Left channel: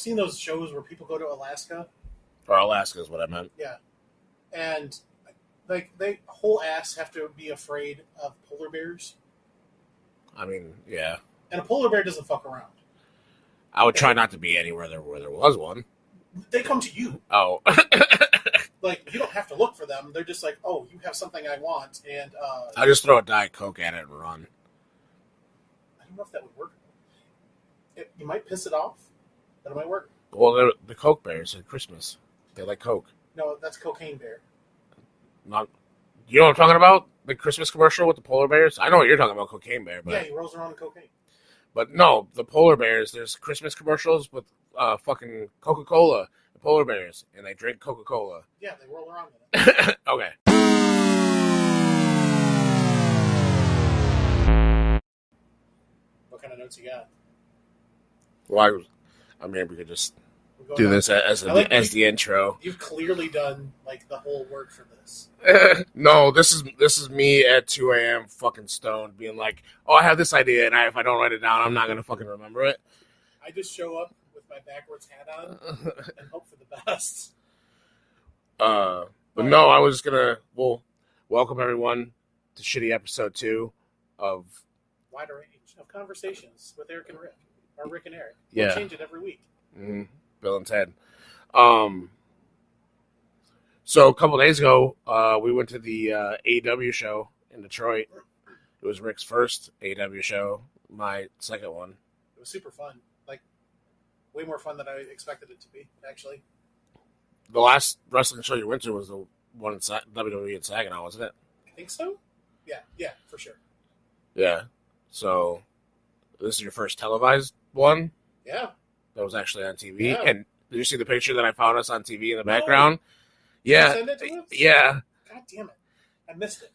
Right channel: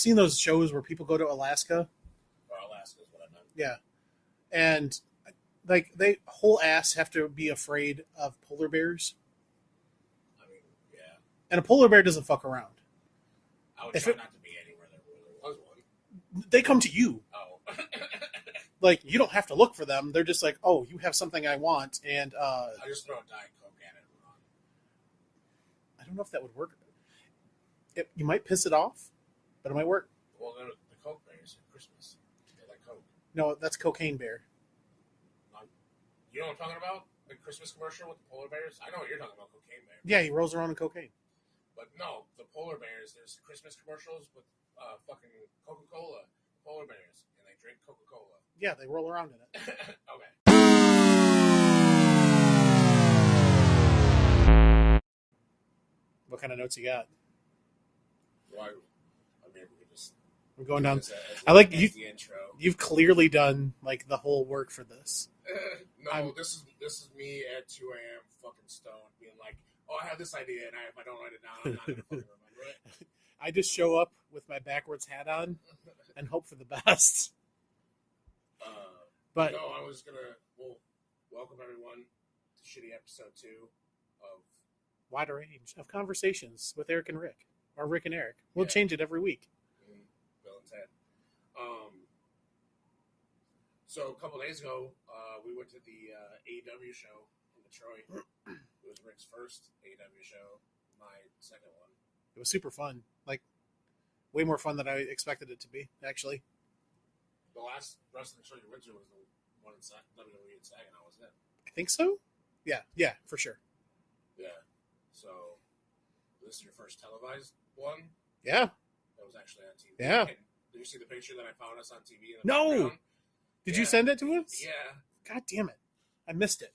seen those shows where people go to Alaska. Or Alaska is what I meant. Yeah. And like they whole ass have to be afraid of polar bears. I mean, yeah. And a polar bear doesn't fuck around. I would try not to be anywhere where there was one. They come to you. Oh. Like, you don't have to look for them. They're just like, oh, you have something I want. And I just throw a Diet Coke at it and run. I don't know if that would work. You might piss it off, but it might work. Well, the Coke bears at Christmas. They like Coke. No, that's Cocaine Bear. Not, you know what I'm talking about? The Christmas commercial with the polar bears? I know what you're talking about, Cocaine Bear. But, yeah, he rolls around in cocaine. But no, the polar bears, there's Christmas commercials with fucking Coca-Cola, the polar bears, and they drink Coca-Cola. Yeah, they roll around in it. Okay. What kind of notes you got? Well, I mean, we could just do this as the intro. You've clearly done like the whole work for this. No, this is me at 2 a.m. fucking stoned, being like, "Oh, I have this idea, and if I don't write it down, I'm not gonna fucking remember it." I just show up with my backwards hat on and hope for the best. But no, I was gonna welcome everyone to shitty episode 2 of Wider Range of Conversations with Eric and Rick, or Rick and Eric. We'll change it every week. Mm-hmm. Bill and Ted. So a couple days ago, we went to the AEW show in Detroit. It was Rick's first AEW show, my second one. It was super fun. Like, way more fun than I expected it to be, actually. The last wrestling show you went to was the one in WWE in Saginaw, wasn't it? I think so. Yeah, for sure. Yeah. So, this is your first televised one? Yeah. That was actually on TV. Yeah. And did you see the picture that I found us on TV in the background? Did you send it to us? Yeah. God damn it. I missed it.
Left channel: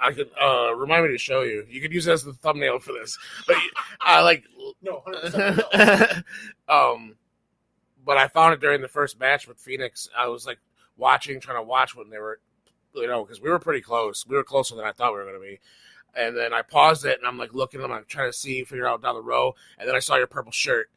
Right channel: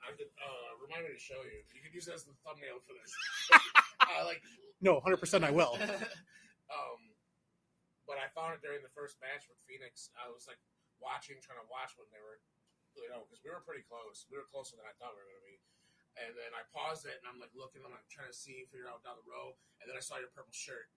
I could remind me to show you. You could use it as the thumbnail for this. But No, 100% I will. But I found it during the first match with Phoenix. I was like trying to watch when they were, because we were pretty close. We were closer than I thought we were going to be. And then I paused it, and I'm like looking at them. I'm trying to figure out down the row. And then I saw your purple shirt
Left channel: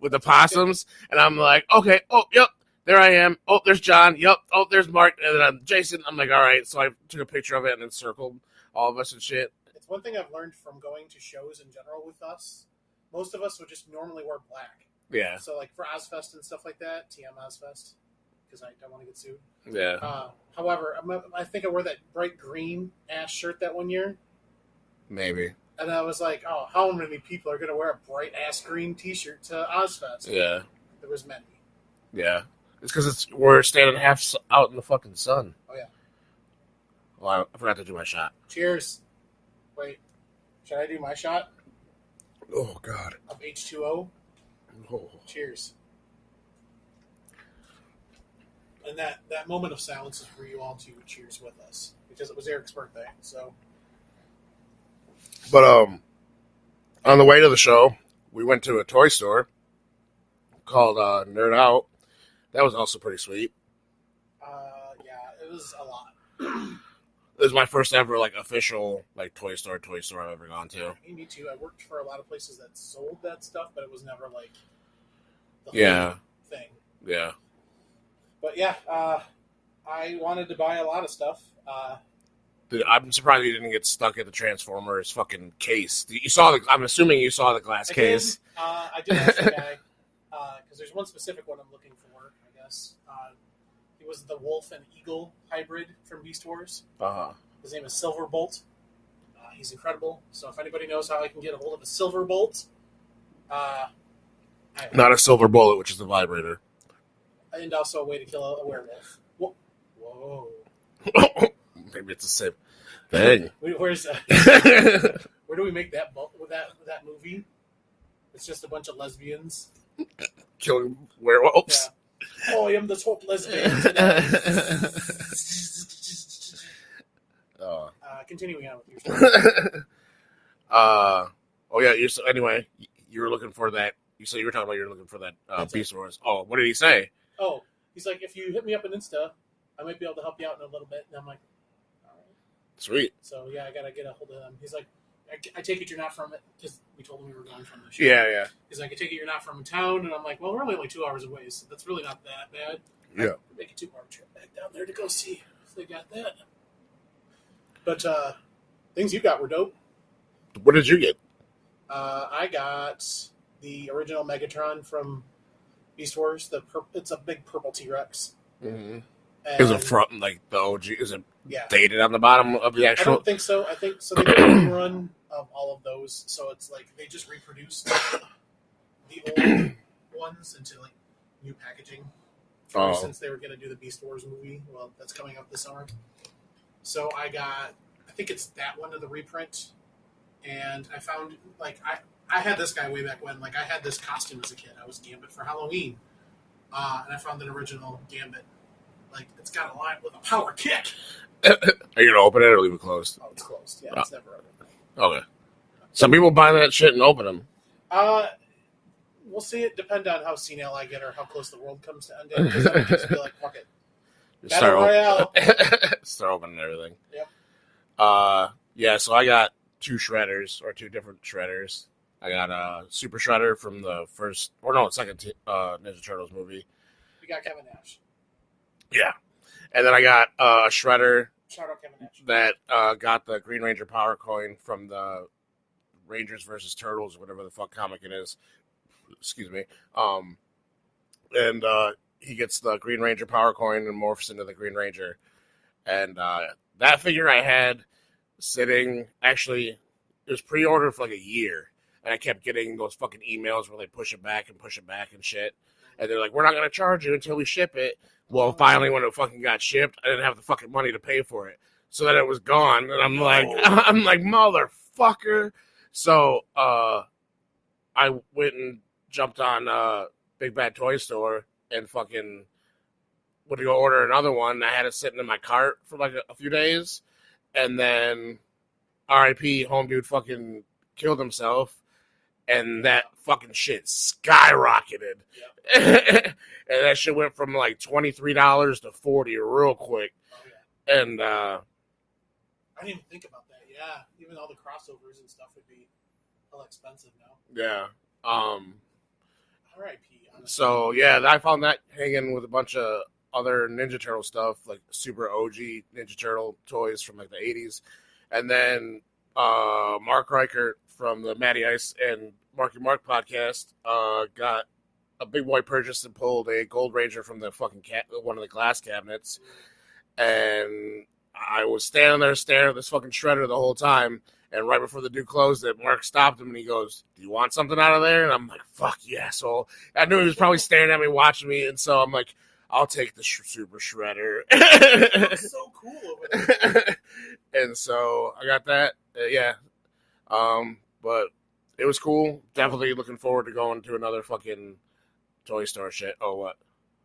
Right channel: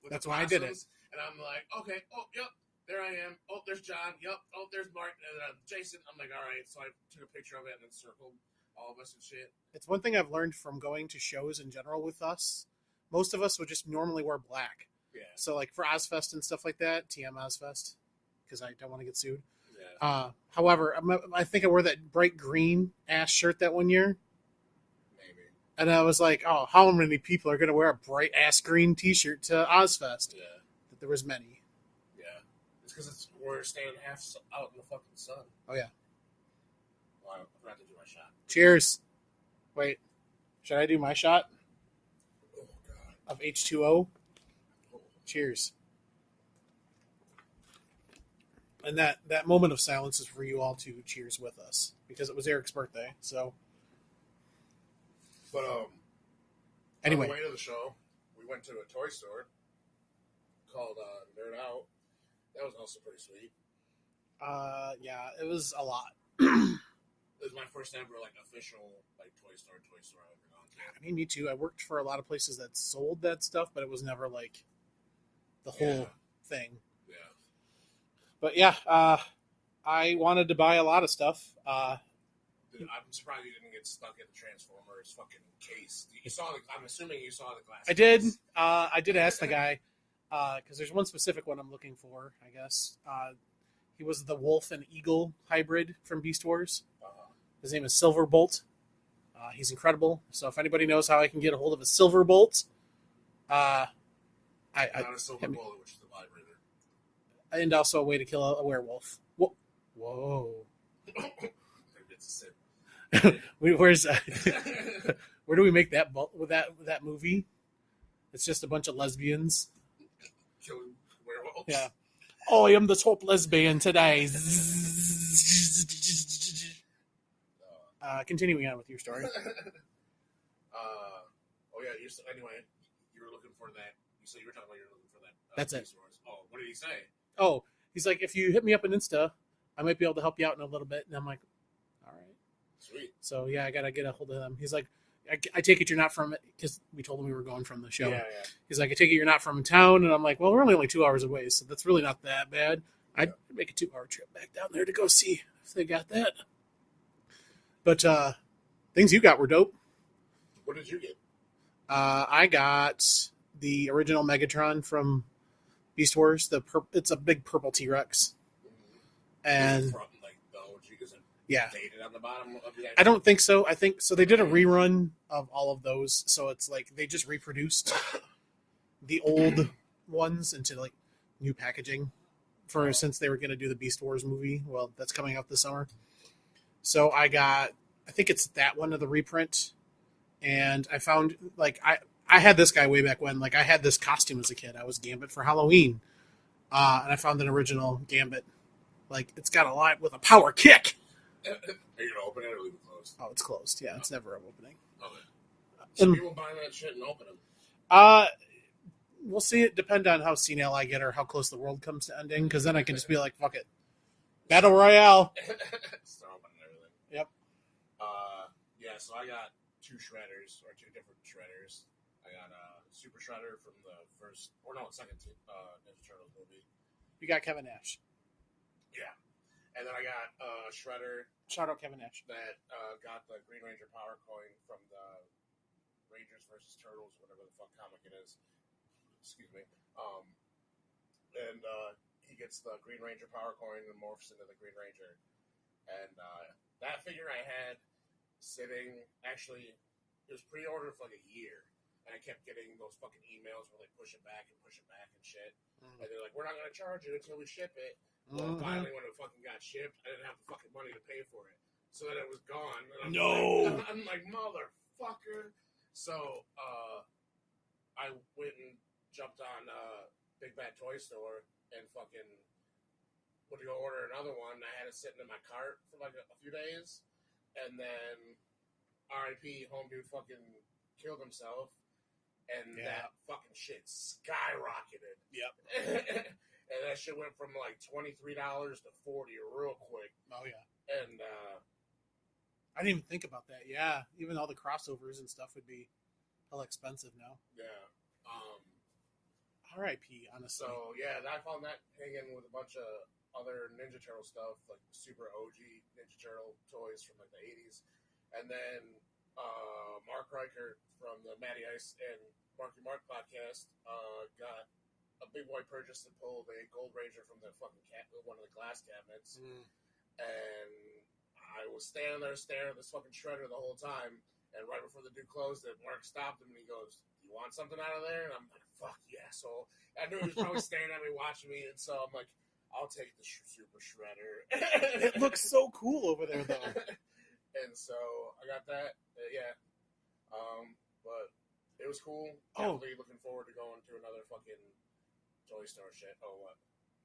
with the possums. And I'm like, okay, oh, yep, there I am. Oh, there's John. Yep. Oh, there's Mark. And then Jason. I'm like, all right. So I took a picture of it and then circled all of us and shit. It's one thing I've learned from going to shows in general with us. Most of us would just normally wear black. Yeah. So, like, for Ozfest and stuff like that, TM Ozfest, because I don't want to get sued. Yeah. However, I think I wore that bright green ass shirt that one year. Maybe. And I was like, oh, how many people are going to wear a bright ass green T-shirt to Ozfest? Yeah. There was many. Yeah. It's because we're standing half out in the fucking sun. Oh, yeah. Well, I forgot to do my shot. Cheers. Wait. Should I do my shot? Oh, God. Of H2O? Oh. Cheers. And that moment of silence is for you all to cheers with us, because it was Eric's birthday. So, but on the way to the show, we went to a toy store called Nerd Out. That was also pretty sweet. Yeah, it was a lot. It was my first ever official toy store I've ever gone to. I mean, me too. I worked for a lot of places that sold that stuff, but it was never the whole thing. Yeah. But yeah, I wanted to buy a lot of stuff. Dude, I'm surprised you didn't get stuck at the Transformers fucking case. I'm assuming you saw the glass case. I did ask the guy, because there's one specific one I'm looking for, I guess. He was the wolf and eagle hybrid from Beast Wars. Uh-huh. His name is Silverbolt. He's incredible. So if anybody knows how I can get a hold of a Silverbolt, not a silver bullet, which is the vibrator. And also a way to kill a werewolf. Whoa. Maybe it's a sip. Dang. Where do we make that movie? It's just a bunch of lesbians killing werewolves. Yeah. Oh, I am the top lesbian tonight. Continuing on with your story. Anyway, you were looking for that. You said you were talking about you were looking for that Beast Wars. Oh, what did he say? Oh, he's like, if you hit me up on Insta, I might be able to help you out in a little bit. And I'm like, all right. Sweet. So, yeah, I got to get a hold of him. He's like, I take it you're not from it, because we told him we were going from the show. Yeah. He's like, I take it you're not from town, and I'm like, well, we're only 2 hours away, so that's really not that bad. Yeah. I'd make a 2-hour trip back down there to go see if they got that. But things you got were dope. What did you get? I got the original Megatron from Beast Wars. It's a big purple T-Rex. Mm-hmm. And Is it from like the OG? Is it yeah. dated on the bottom of the actual? I don't think so. I think so. They did a rerun of all of those, so it's like they just reproduced the old ones into like new packaging. Since they were going to do the Beast Wars movie, well, that's coming out this summer. So I think it's that one of the reprint, and I found like I had this guy way back when. Like I had this costume as a kid. I was Gambit for Halloween, and I found an original Gambit. Like it's got a lot with a power kick. Are you gonna open it or leave it closed? Oh, it's closed. Yeah, it's never opening. Okay. Some people buy that shit and open them. We'll see. It depend on how senile I get or how close the world comes to ending. Because then I can just be like, fuck it. Battle Royale. Start opening everything. Yep. Yeah, so I got two different shredders. I got a Super Shredder from the second Ninja Turtles movie. You got Kevin Nash. Yeah. And then I got a shredder. Shout out Kevin Nash. That got the Green Ranger Power Coin from the Rangers versus Turtles, whatever the fuck comic it is. Excuse me. And he gets the Green Ranger Power Coin and morphs into the Green Ranger. And that figure I had sitting, actually, it was pre-ordered for like a year. And I kept getting those fucking emails where they push it back and shit. And they're like, we're not going to charge you until we ship it. Well, finally, when it fucking got shipped, I didn't have the fucking money to pay for it. So then it was gone. And I'm like, motherfucker. So I went and jumped on Big Bad Toy Store and fucking went to go order another one. I had it sitting in my cart for like a few days. And then RIP, home dude fucking killed himself. And that fucking shit skyrocketed. Yep. And that shit went from like $23 to $40 real quick. Oh, yeah. And I didn't even think about that. Yeah. Even all the crossovers and stuff would be hella expensive now. Yeah. R.I.P. honestly. So, yeah, I found that hanging with a bunch of other Ninja Turtle stuff, like super OG Ninja Turtle toys from like the 80s. And then Mark Reichert from the Matty Ice and Marky Mark podcast got a big boy purchase and pulled a Gold Ranger from the fucking one of the glass cabinets. And I was standing there staring at this fucking shredder the whole time. And right before the dude closed it, Mark stopped him and he goes, "Do you want something out of there?" And I'm like, "Fuck yeah!" So I knew he was probably staring at me, watching me, and so I'm like, "I'll take the super shredder." It looks so cool over there. And so I got that. Yeah. But it was cool. Definitely looking forward to going to another fucking toy store shit. Oh, what?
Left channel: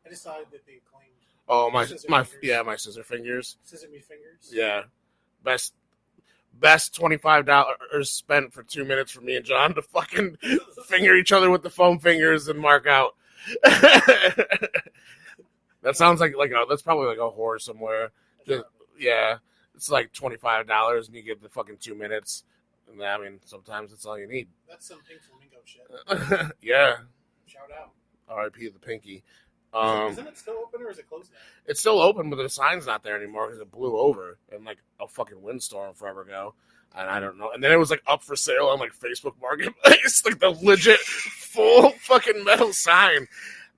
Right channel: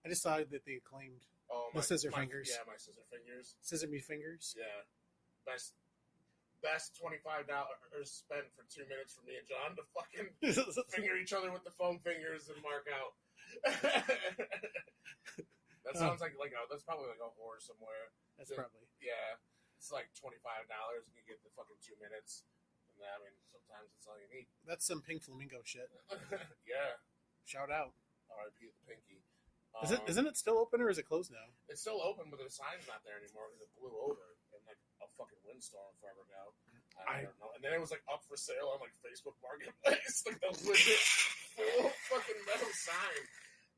I just thought that they acclaimed. Oh, my scissor fingers. Scissor me fingers. Yeah. Best $25 spent for 2 minutes for me and John to fucking finger each other with the foam fingers and mark out. That sounds like that's probably like a whore somewhere. Yeah. It's like $25 and you get the fucking 2 minutes. And I mean, sometimes that's all you need. That's some Pink Flamingo shit. Yeah. Shout out. R.I.P. the Pinky. Isn't it still open or is it closed now? It's still open, but the sign's not there anymore because it blew over in like a fucking windstorm forever ago. And I don't know. And then it was like up for sale on like Facebook Marketplace, like the legit full fucking metal sign.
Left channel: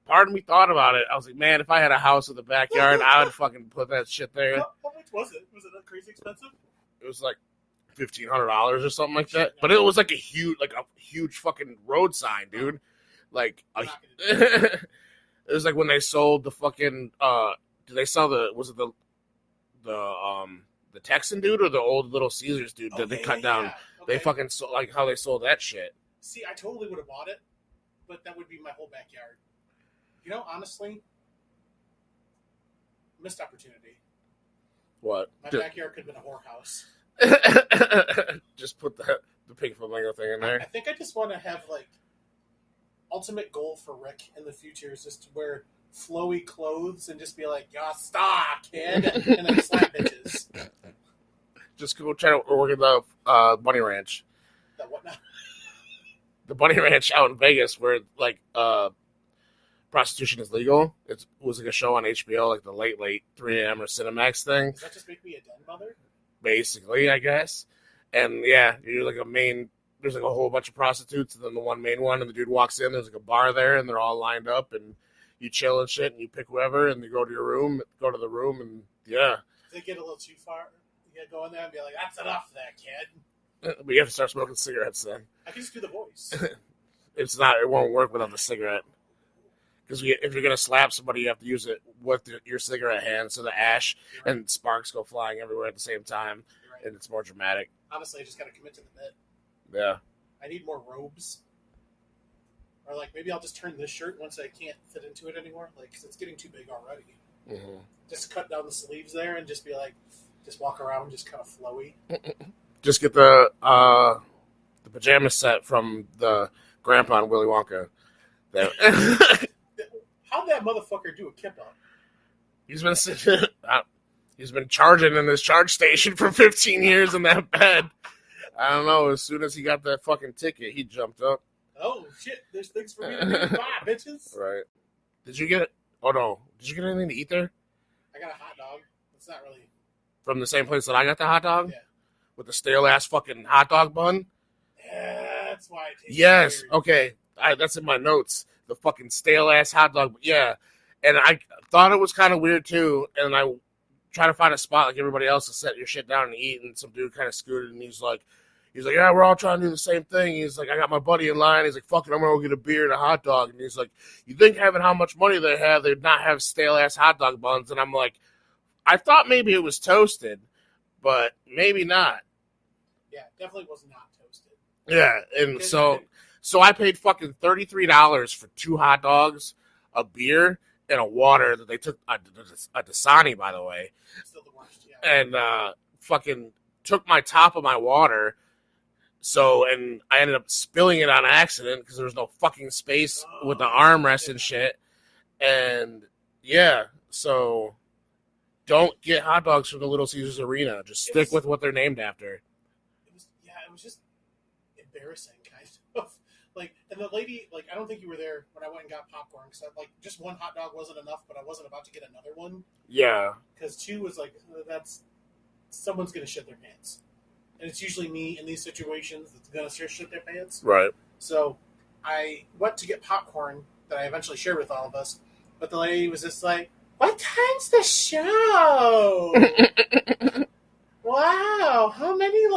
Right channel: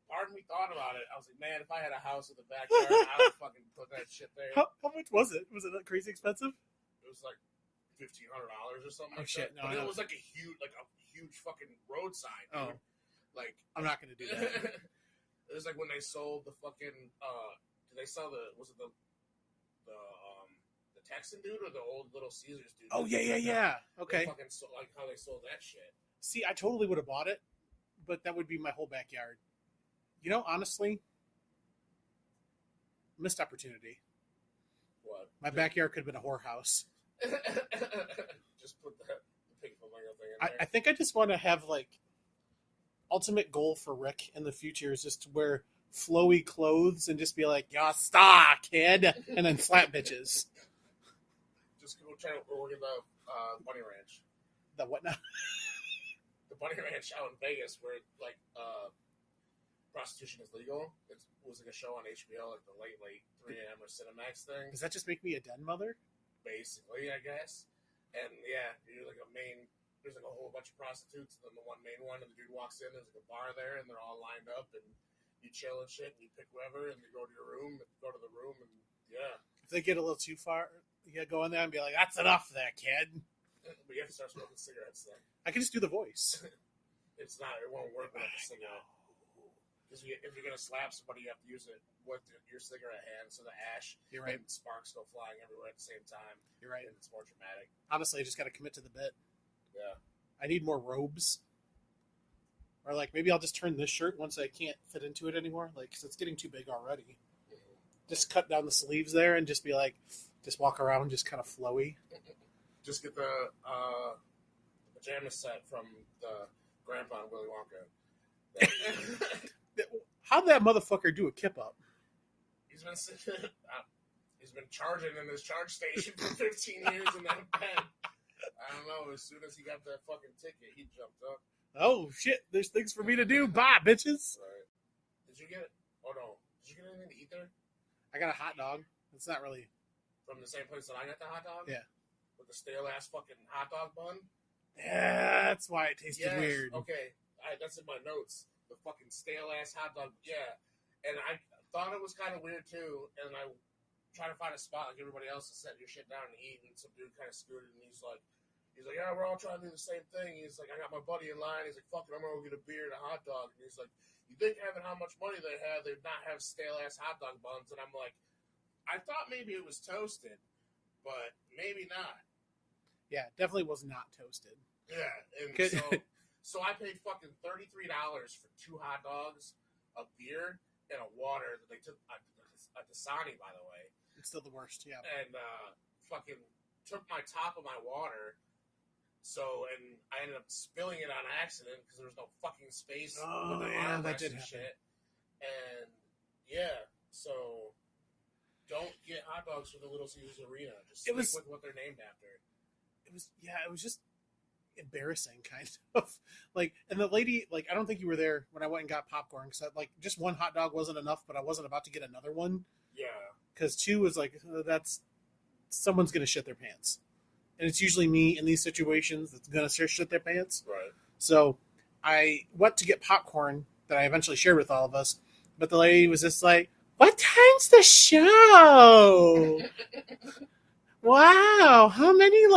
Part of me thought about it. I was like, man, if I had a house with a backyard, I would fucking put that shit there. How much was it? Was it that crazy expensive? It was like $1,500 or something like that. But it was like a huge fucking road sign, dude. Like, I'm not gonna do that. It was like when they sold the fucking did they sell the Texan dude or the old Little Caesars dude that they cut down? Okay. They fucking sold, like how they sold that shit. See, I totally would have bought it, but that would be my whole backyard. You know, honestly, missed opportunity. What? My backyard could have been a whorehouse. Just put the Pink Flamingo thing in there. I think I just want to have like ultimate goal for Rick in the future is just to wear flowy clothes and just be like, "Ya star, kid," and then slap bitches. Just go try to work at the Bunny Ranch. The what now? The Bunny Ranch out in Vegas, where like prostitution is legal. It was like a show on HBO, like the late 3 a.m. or Cinemax thing. Does that just make me a den mother? Basically, I guess. And yeah, you're like there's like a whole bunch of prostitutes, and then the one main one, and the dude walks in, there's like a bar there, and they're all lined up, and you chill and shit, and you pick whoever, and you go to the room, and yeah. If they get a little too far, you gotta go in there and be like, that's enough of that, kid. But you have to start smoking cigarettes then. I can just do the voice. It won't work without the cigarette. Because if you're going to slap somebody, you have to use it with your cigarette hand, so the ash and sparks go flying everywhere at the same time, right. And it's more dramatic. Honestly, I just got to commit to the bit. Yeah. I need more robes. Or, like, maybe I'll just turn this shirt once I can't fit into it anymore, like, because it's getting too big already. Mm-hmm. Just cut down the sleeves there and just be like, just walk around just kind of flowy. Just get the pajama set from the grandpa and Willy Wonka. How'd that motherfucker do a kip up? He's been charging in this charge station for 15 years in that bed. I don't know. As soon as he got that fucking ticket, he jumped up. Oh shit! There's things for me to do. Bye, bitches. Right? Did you get it? Oh no! Did you get anything to eat there? I got a hot dog. It's not really from the same place that I got the hot dog. Yeah. With the stale ass fucking hot dog bun. Yeah, that's why it tastes weird. Okay. That's in my notes. The fucking stale ass hot dog. Yeah. And I thought it was kind of weird too. And I try to find a spot like everybody else to set your shit down and eat. And some dude kind of scooted, and he's like, yeah, we're all trying to do the same thing. He's like, I got my buddy in line. He's like, fuck it, I'm gonna go get a beer and a hot dog. And he's like, you think having how much money they have, they'd not have stale ass hot dog buns? And I'm like, I thought maybe it was toasted, but maybe not. Yeah, definitely was not toasted. Yeah, and so I paid fucking $33 for 2 hot dogs, a beer, and a water that they took a Dasani, by the way. It's still the worst, yeah. And fucking took my top of my water. And I ended up spilling it on accident because there was no fucking space with the armrest and shit. And yeah, so don't get hot dogs from the Little Caesars Arena. Just stick with what they're named after. It was just embarrassing, kind of. Like, and the lady, like, I don't think you were there when I went and got popcorn, because just one hot dog wasn't enough, but I wasn't about to get another one. Yeah. Because 2 was like, someone's going to shit their pants. And it's usually me in these situations that's going to shit their pants. Right. So I went to get popcorn that I eventually shared with all of us, but the lady was just like, what time's the show? Wow, how many,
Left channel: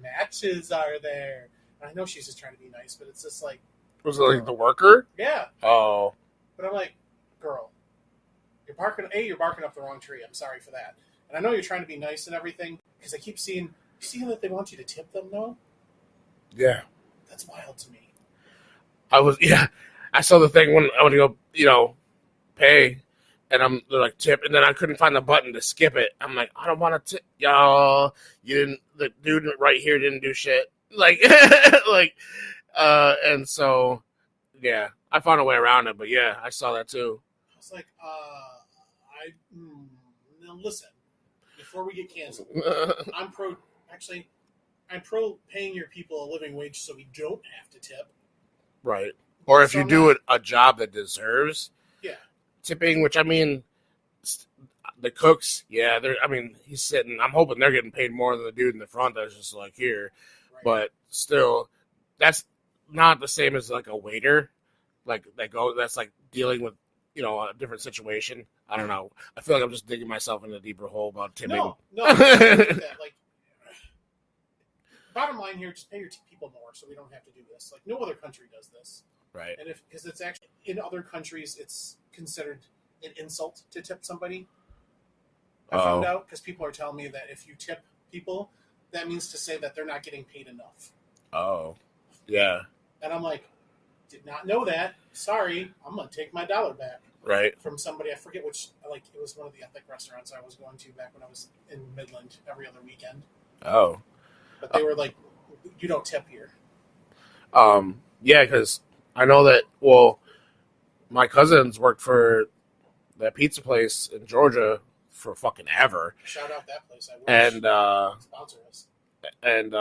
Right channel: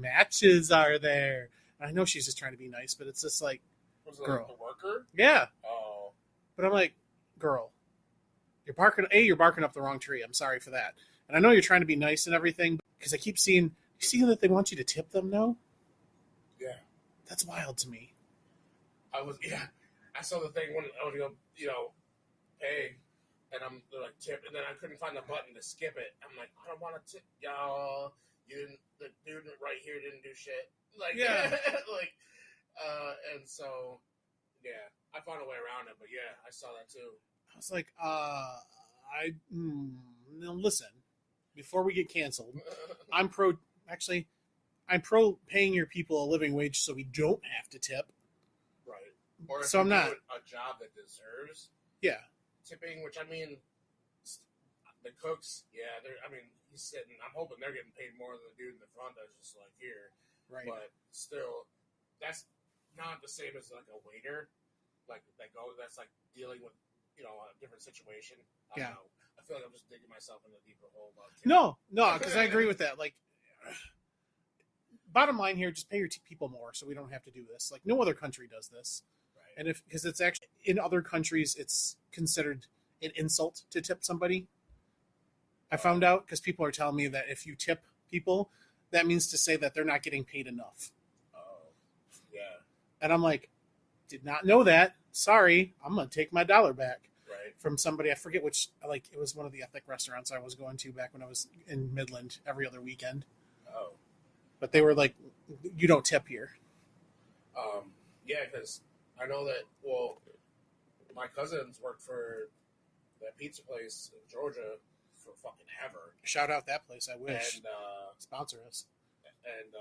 matches are there? And I know she's just trying to be nice, but it's just like... Was it like the worker? Yeah. Oh. But I'm like, girl, you're barking up the wrong tree. I'm sorry for that. And I know you're trying to be nice and everything, because I keep seeing... You see that they want you to tip them now? Yeah. That's wild to me. I saw the thing when I went to go, pay, and they're like, tip, and then I couldn't find the button to skip it. I'm like, I don't want to tip, y'all. The dude right here didn't do shit. And so, yeah, I found a way around it, but yeah, I saw that too. I was like, now listen, before we get canceled, I'm pro paying your people a living wage so we don't have to tip. Right. Or if you do a job that deserves tipping, which, I mean, the cooks, he's sitting, I'm hoping they're getting paid more than the dude in the front that's just like here. Right. But still, that's not the same as like a waiter, that's like dealing with, a different situation. I don't know. I feel like I'm just digging myself in a deeper hole about tipping. No, I agree with that. Bottom line here, just pay your people more so we don't have to do this. Like, no other country does this. Right. And because it's actually, in other countries, it's considered an insult to tip somebody. I found out because people are telling me that if you tip people, that means to say that they're not getting paid enough. Oh, yeah. And I'm like, did not know that. Sorry, I'm going to take my $1 back. Right. From somebody, I forget which, it was one of the ethnic restaurants I was going to back when I was in Midland every other weekend. Oh. But they were like, you don't tip here. Yeah, because I know that, my cousins worked for that pizza place in Georgia for fucking ever. Shout out that place. I wish. And, sponsor us. And,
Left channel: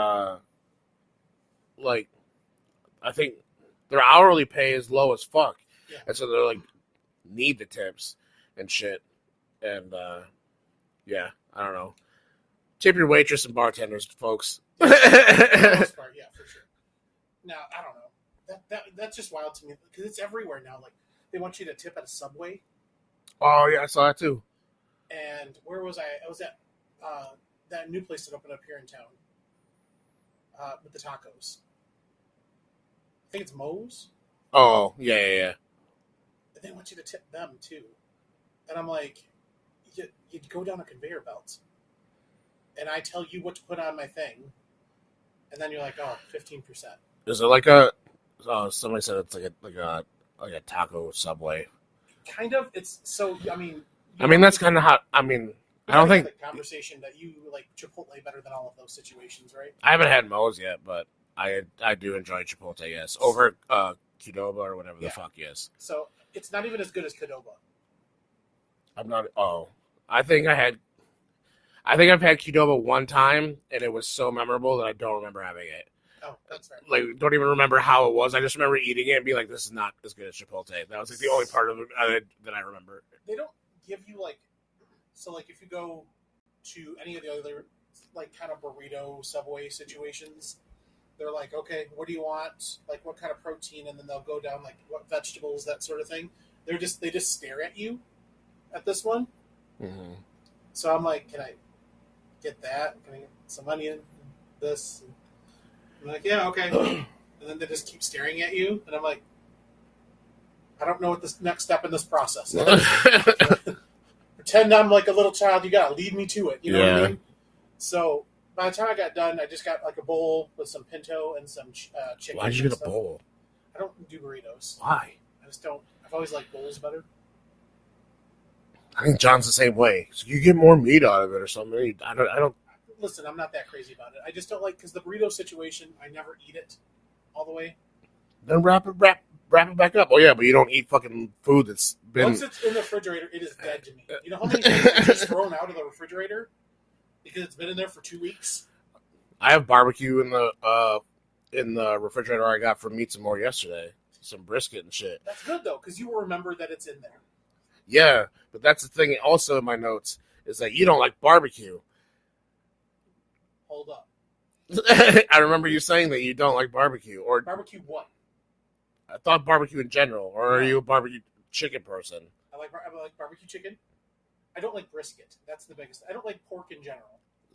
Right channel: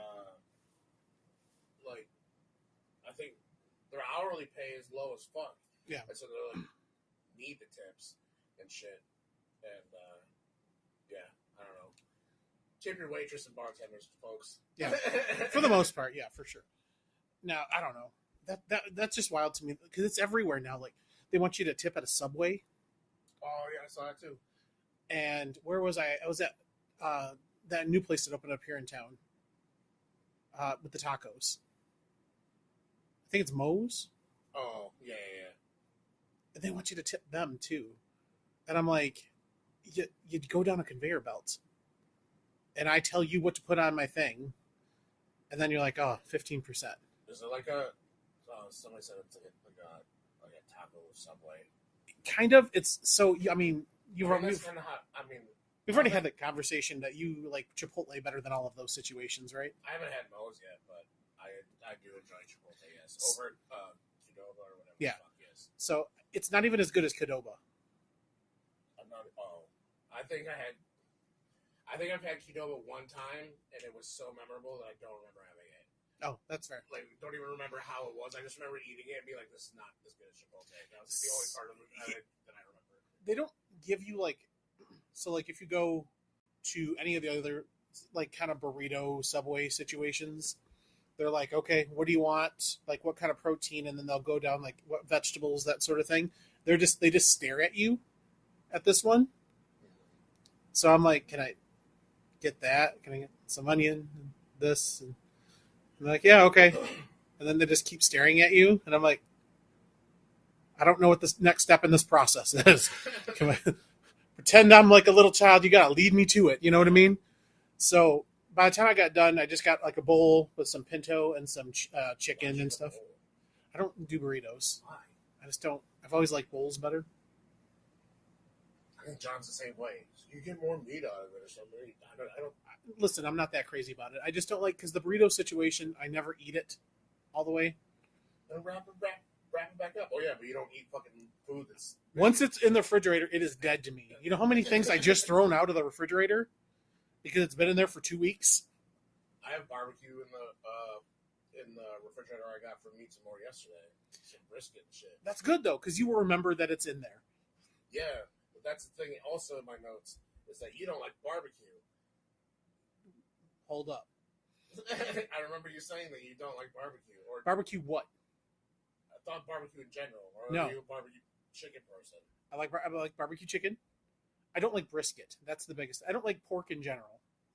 like, I think their hourly pay is low as fuck. Yeah. And so they're like, need the tips and shit. And, yeah, I don't know. Tip your waitress and bartenders, folks. Yeah, for the most part, yeah, for sure. Now, I don't know. That's just wild to me because it's everywhere now. Like, they want you to tip at a Subway. Oh, yeah, I saw that too. And where was I? I was at that new place that opened up here in town with the tacos. I think it's Moe's. Oh, yeah. And they want you to tip them too. And I'm like, you'd go down a conveyor belt. And I tell you what to put on my thing. And then you're like, oh, 15%. Is it like a? Somebody said it's like a taco Subway. Kind of. It's so. I mean. That's kind of how. I mean, I don't think the conversation that you like Chipotle better than all of those situations, right? I haven't had Moe's yet, but I do enjoy Chipotle. Yes, over Qdoba or whatever the fuck. Yes. So it's not even as good as Qdoba. I'm not. Oh, I think I've had Qdoba one time, and it was so memorable that I don't remember having it. Oh, that's fair. Like, don't even remember how it was. I just remember eating it and being like, "This is not as good as Chipotle." That was like the only part of it that I remember. They don't give you like, so like if you go to any of the other like kind of burrito Subway situations, they're like, okay, what do you want? Like, what kind of protein? And then they'll go down like what vegetables, that sort of thing. They just stare at you at this one. Mm-hmm. So I'm like, can I get that? Can I get some onion? This? And they're like, yeah, okay. And then they just keep staring at you, and I'm like, I don't know what this next step in this process is. Pretend I'm like a little child. You gotta lead me to it. You know what I mean? So by the time I got done, I just got like a bowl with some pinto and some chicken. Why'd you get a bowl? I don't do burritos. Why? I just don't. I've always liked bowls better. I think John's the same way. So you get more meat out of it or something. I don't. Listen, I'm not that crazy about it. I just don't like because the burrito situation. I never eat it all the way. Then wrap it back up. Oh yeah, but you don't eat fucking food that's been. Once it's in the refrigerator, it is dead to me. You know how many things I just thrown out of the refrigerator because it's been in there for 2 weeks. I have barbecue in the refrigerator I got from Meats and More yesterday. Some brisket and shit. That's good though, because you will remember that it's in there. Yeah, but that's the thing. Also in my notes is that you don't like barbecue. Hold up. I remember you saying that you don't like barbecue or barbecue what? I thought barbecue in general, or are you a barbecue chicken person? I like barbecue chicken. I don't like brisket. That's the biggest. I don't like pork in general.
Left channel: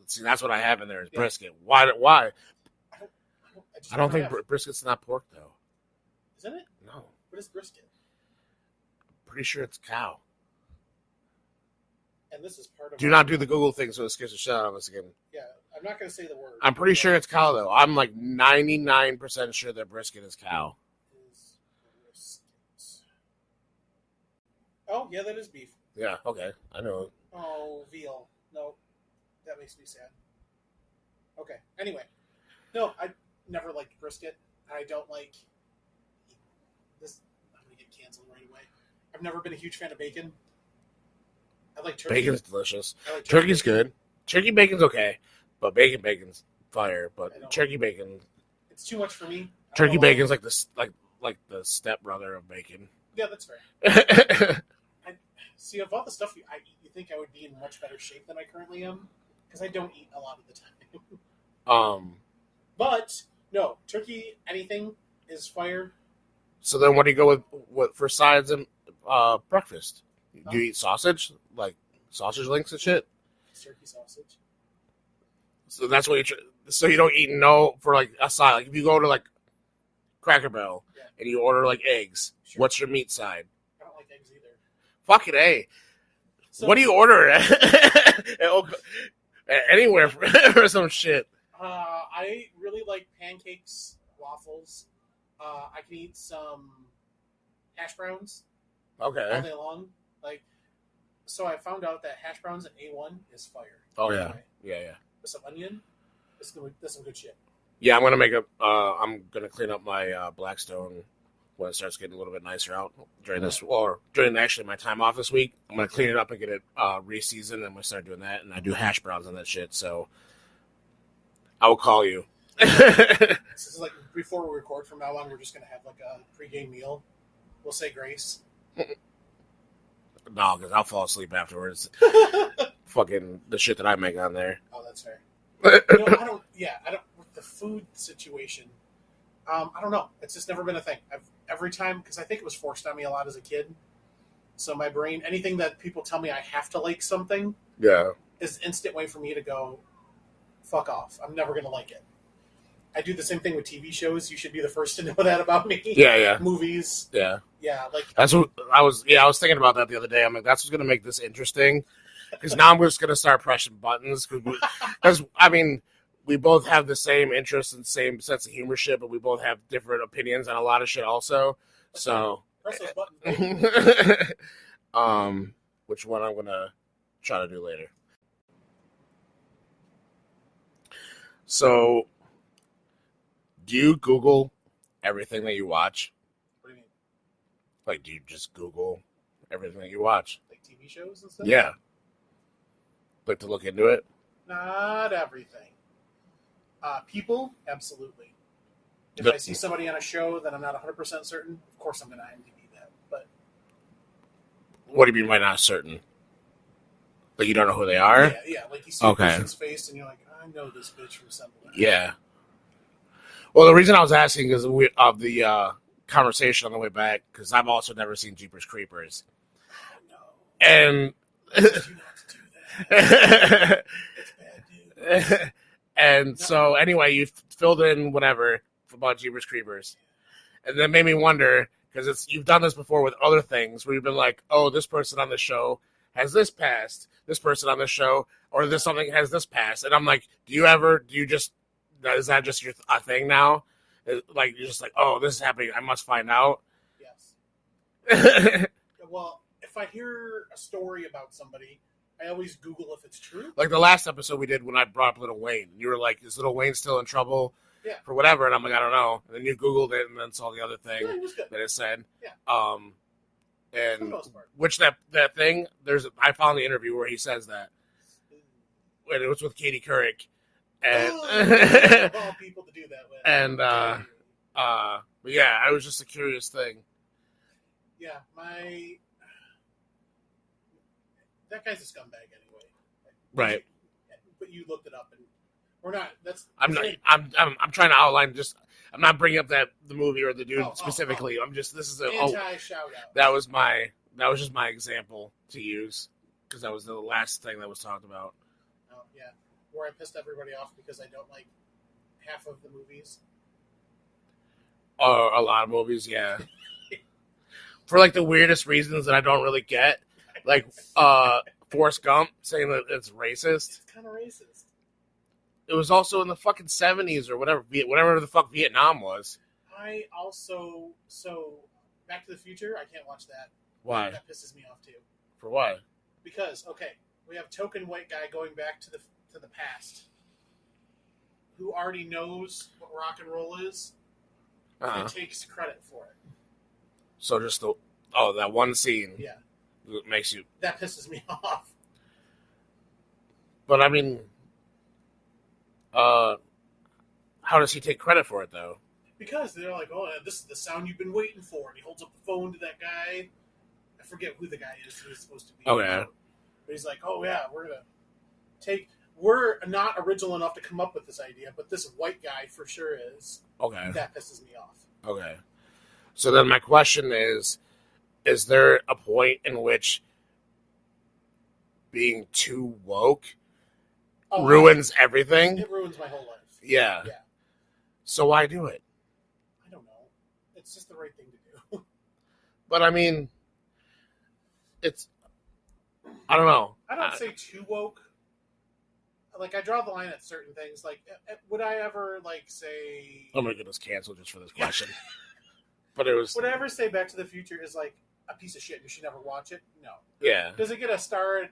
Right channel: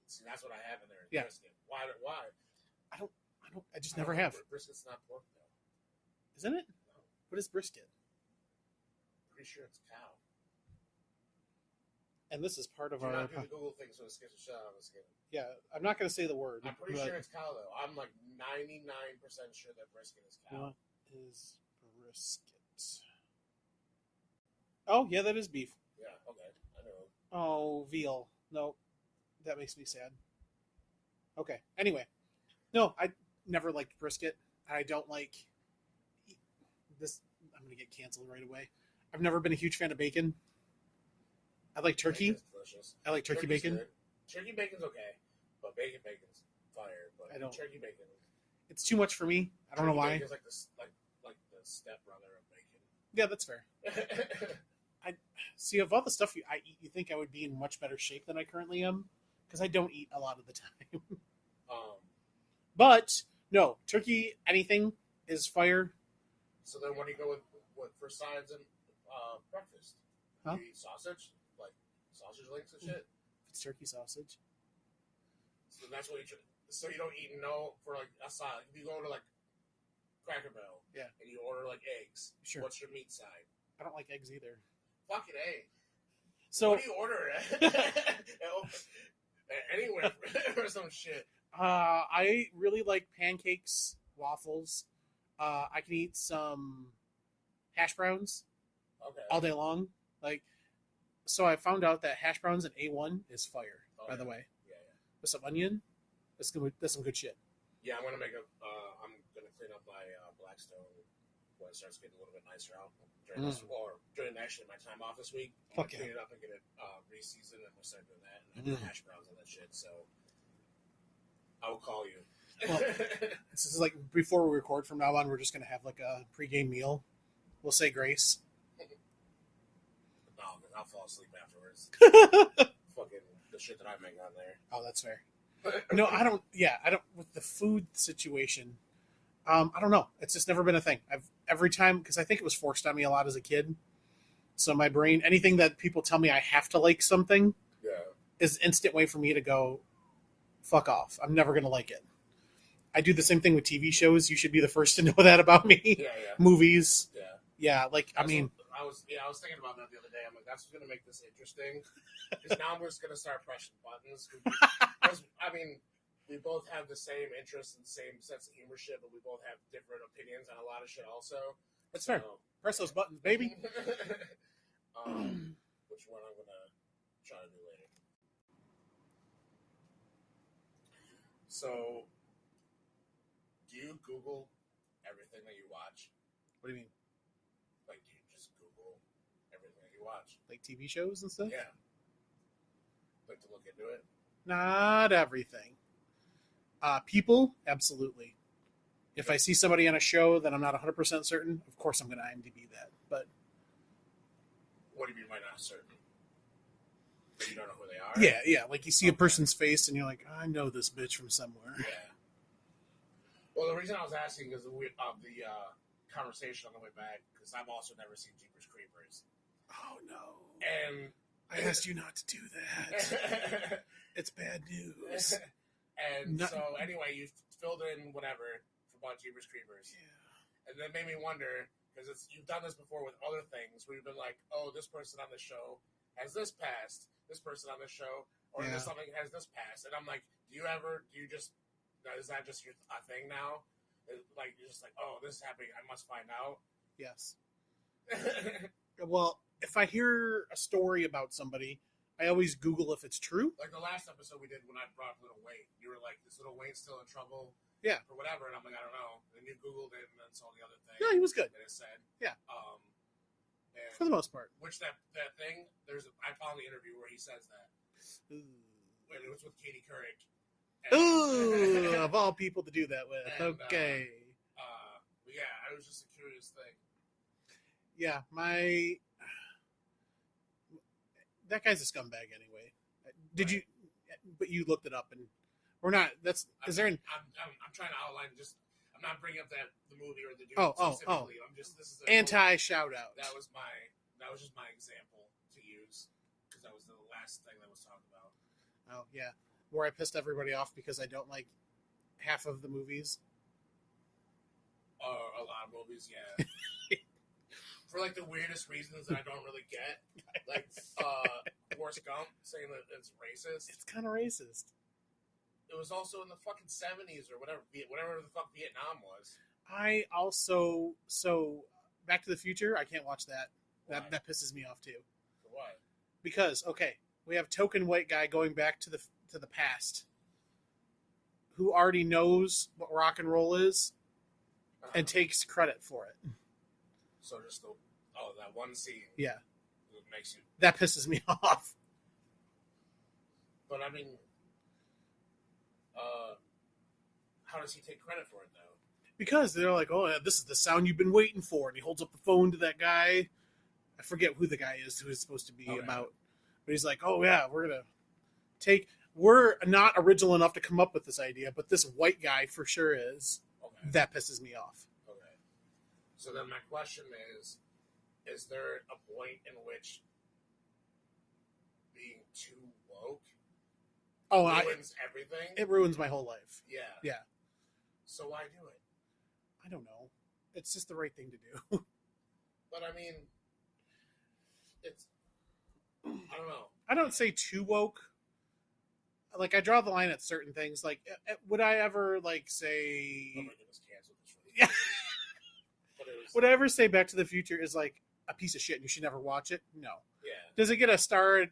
See, that's what I have in there is brisket. Why? I don't think brisket's not pork though. Isn't it? No. What is brisket? Pretty sure it's cow. And this is part of. Do not do the Google thing so it scares the shit out of us again. Yeah, I'm not going to say the word. I'm pretty sure it's cow though. I'm like 99% sure that brisket is cow. Is brisket? Oh yeah, that is beef. Yeah. Okay, I know. Oh, veal. No, that makes me sad. Okay. Anyway, no, I never liked brisket. I don't like this. I'm going to get canceled right away. I've never been a huge fan of bacon. I like turkey. Bacon's delicious. I like turkey's good. Turkey bacon's okay, but bacon's fire. But turkey bacon, it's too much for me. Turkey bacon's like the the stepbrother of bacon. Yeah, that's fair. I see of all the stuff I eat, you think I would be in much better shape than I currently am because I don't eat a lot of the time. But no, turkey anything is fire. So then, what do you go with for sides and breakfast? Huh? Do you eat sausage, like sausage links and shit? It's turkey sausage. So that's what so you don't eat for like a side. Like if you go to like Cracker Barrel and you order like eggs, what's your meat side? I don't like eggs either. Fucking A. So, what do you order anywhere for some shit? I really like pancakes, waffles. I can eat some hash browns. Okay. All day long. So I found out that hash browns and A1 is fire. Oh yeah. Yeah. With some onion, that's some good shit. Yeah, I'm gonna clean up my Blackstone when it starts getting a little bit nicer out during this, or during actually my time off this week. I'm gonna clean it up and get it re-seasoned, and I'm gonna start doing that. And I do hash browns on that shit, so I will call you. This is like before we record from now on, we're just gonna have like a pregame meal. We'll say grace. No, because I'll fall asleep afterwards. Fucking the shit that I make on there. Oh, that's fair. No, I don't. Yeah, I don't. With the food situation, I don't know. It's just never been a thing. Every time, because I think it was forced on me a lot as a kid. So my brain, anything that people tell me I have to like something, is an instant way for me to go, fuck off. I'm never gonna like it. I do the same thing with TV shows. You should be the first to know that about me. Yeah. Movies. Yeah. Yeah, like that's what I was. Yeah, I was thinking about that the other day. I'm like, that's what's gonna make this interesting. Because now I'm just gonna start pressing buttons. Because I mean, we both have the same interests and same sense of humor shit, but we both have different opinions on a lot of shit also. So press those buttons, baby. Which one I'm gonna try to do later. So, do you Google everything that you watch? What do you mean? Like, do you just Google everything that you watch? Like TV shows and stuff? Yeah. Like to look into it? Not everything. People, absolutely. If I see somebody on a show that I'm not 100% certain, of course I'm going to IMDb that. But what do you mean by not certain? Like you don't know who they are? Yeah. Like you see a person's face and you're like, I know this bitch from somewhere. Yeah. Well, the reason I was asking is of the conversation on the way back, because I've also never seen Jeepers Creepers. Oh, no. And I asked you not to do that. It's bad news. And so, anyway, you filled in whatever about Jeepers Creepers. Yeah. And that made me wonder, because you've done this before with other things, where you've been like, oh, this person on the show has this past, this person on the show, or this something has this past. And I'm like, is that just your thing now? Like, you're just like, oh, this is happening, I must find out? Yes. Well, if I hear a story about somebody, I always Google if it's true. Like the last episode we did when I brought up Lil Wayne. You were like, is Lil Wayne still in trouble? Yeah. For whatever. And I'm like, I don't know. And then you Googled it and then saw the other thing. Yeah, he was good. That it said. Yeah. And for the most part. Which that thing, I found the interview where he says that. And it was with Katie Couric. And of all people to do that with. And okay. But yeah, it was just a curious thing. Yeah, that guy's a scumbag anyway. Right. But you looked it up, and we're not. I'm trying to outline. Just I'm not bringing up the movie or the dude specifically. I'm just this is an anti shout out. That was just my example to use because that was the last thing that was talked about. Oh yeah, where I pissed everybody off because I don't like half of the movies. Or a lot of movies, yeah. For like the weirdest reasons that I don't really get. Like Forrest Gump saying that it's racist. It's kind of racist. It was also in the fucking 70s or whatever the fuck Vietnam was. I also Back to the Future. I can't watch that. Why? That pisses me off too. For what? Because we have token white guy going back to the past, who already knows what rock and roll is, and takes credit for it. So just that one scene. Yeah. Makes you... That pisses me off. But I mean, how does he take credit for it though? Because they're like, oh, this is the sound you've been waiting for. And he holds up the phone to that guy. I forget who the guy is who is supposed to be. Oh, yeah. But he's like, oh, yeah, we're not original enough to come up with this idea, but this white guy for sure is. Okay. That pisses me off. Okay. So then my question is there a point in which being too woke ruins everything? It ruins my whole life. Yeah. Yeah. So why do it? I don't know. It's just the right thing to do. But I mean, I don't know. I don't say too woke. Like, I draw the line at certain things. Like, would I ever, say... I'm going to get us canceled just for this question. But it was... Would I ever say Back to the Future is, a piece of shit and you should never watch it? No. Yeah. Does it get a star,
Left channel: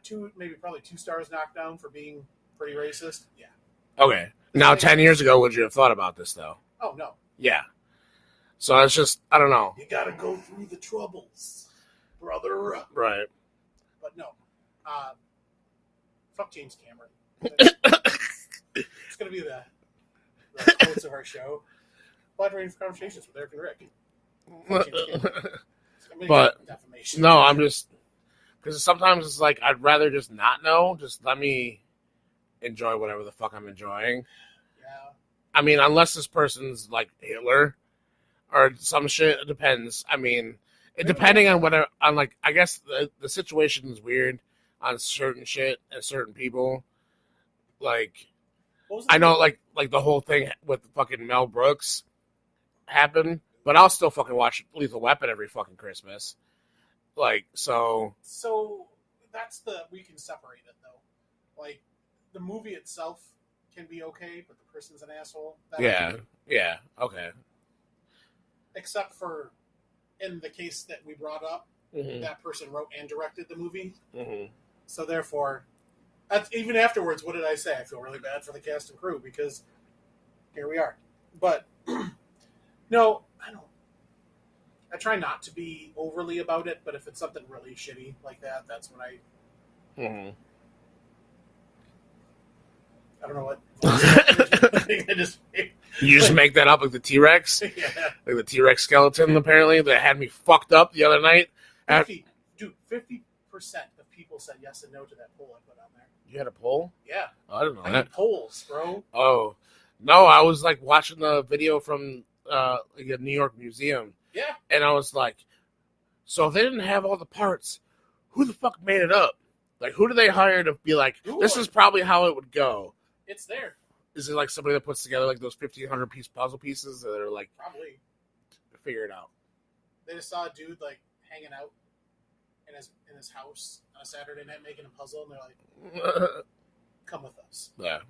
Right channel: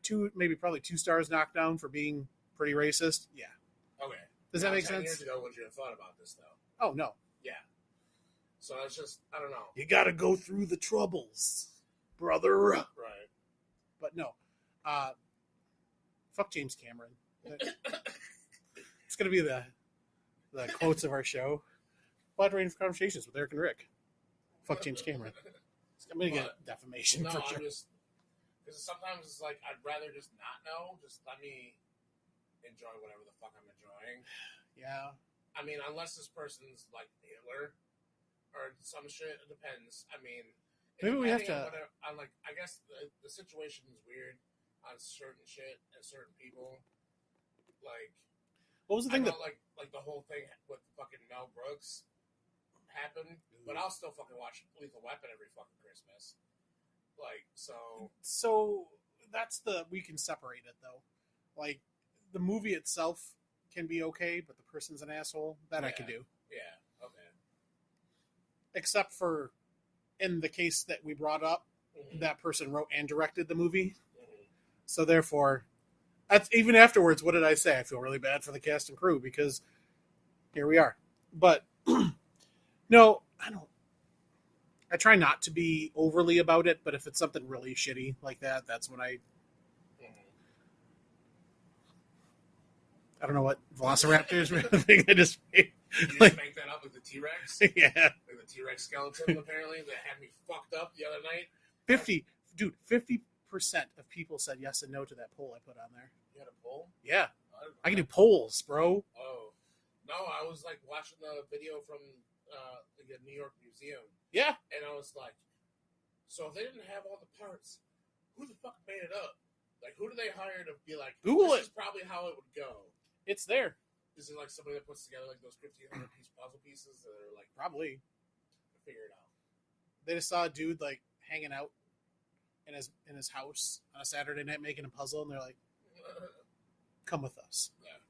probably 2 stars knocked down for being pretty racist? Yeah. Okay. Now, 10 years ago, would you have thought about this, though? Oh, no. Yeah. So it's just, I don't know. You got to go through the troubles, brother. Right. But no. Fuck James Cameron. It's going to be the quotes of our show. Wide range of conversations with Eric and Rick. Fuck James Cameron. But defamation. no, I'm just because sometimes it's like I'd rather just not know. Just let me enjoy whatever the fuck I'm enjoying. Yeah. I mean, unless this person's like Hitler or some shit, it depends. I mean, depending on whatever, on like, I guess the situation is weird on certain shit and certain people. Like, I know, like the whole thing with fucking Mel Brooks happened, but I'll still fucking watch Lethal Weapon every fucking Christmas. Like, so that's we can separate it though. Like, the movie itself can be okay, but the person's an asshole. Yeah, okay. Except for in the case that we brought up, that person wrote and directed the movie. Mm-hmm. So therefore, even afterwards, what did I say? I feel really bad for the cast and crew because here we are. But no, I don't. I try not to be overly about it, but if it's something really shitty like that, that's when I. Mm-hmm. I don't know what voice I just made. You just make that up like the T-Rex? Yeah. Like the T-Rex skeleton, apparently, that had me fucked up the other night. 50% of people said yes and no to that poll I put on there. You had a poll? Yeah. Oh, I don't know I need polls, bro. Oh. No, I was like watching the video from like a New York museum. Yeah. And I was like, so if they didn't have all the parts, who the fuck made it up? Like, who do they hire to be like, this is probably how it would go? It's there. Is it like somebody that puts together like those 1,500 piece puzzle pieces that are like probably figure it out? They just saw a dude like hanging out in his house on a Saturday night making a puzzle, and they're like, "Come with us." Yeah.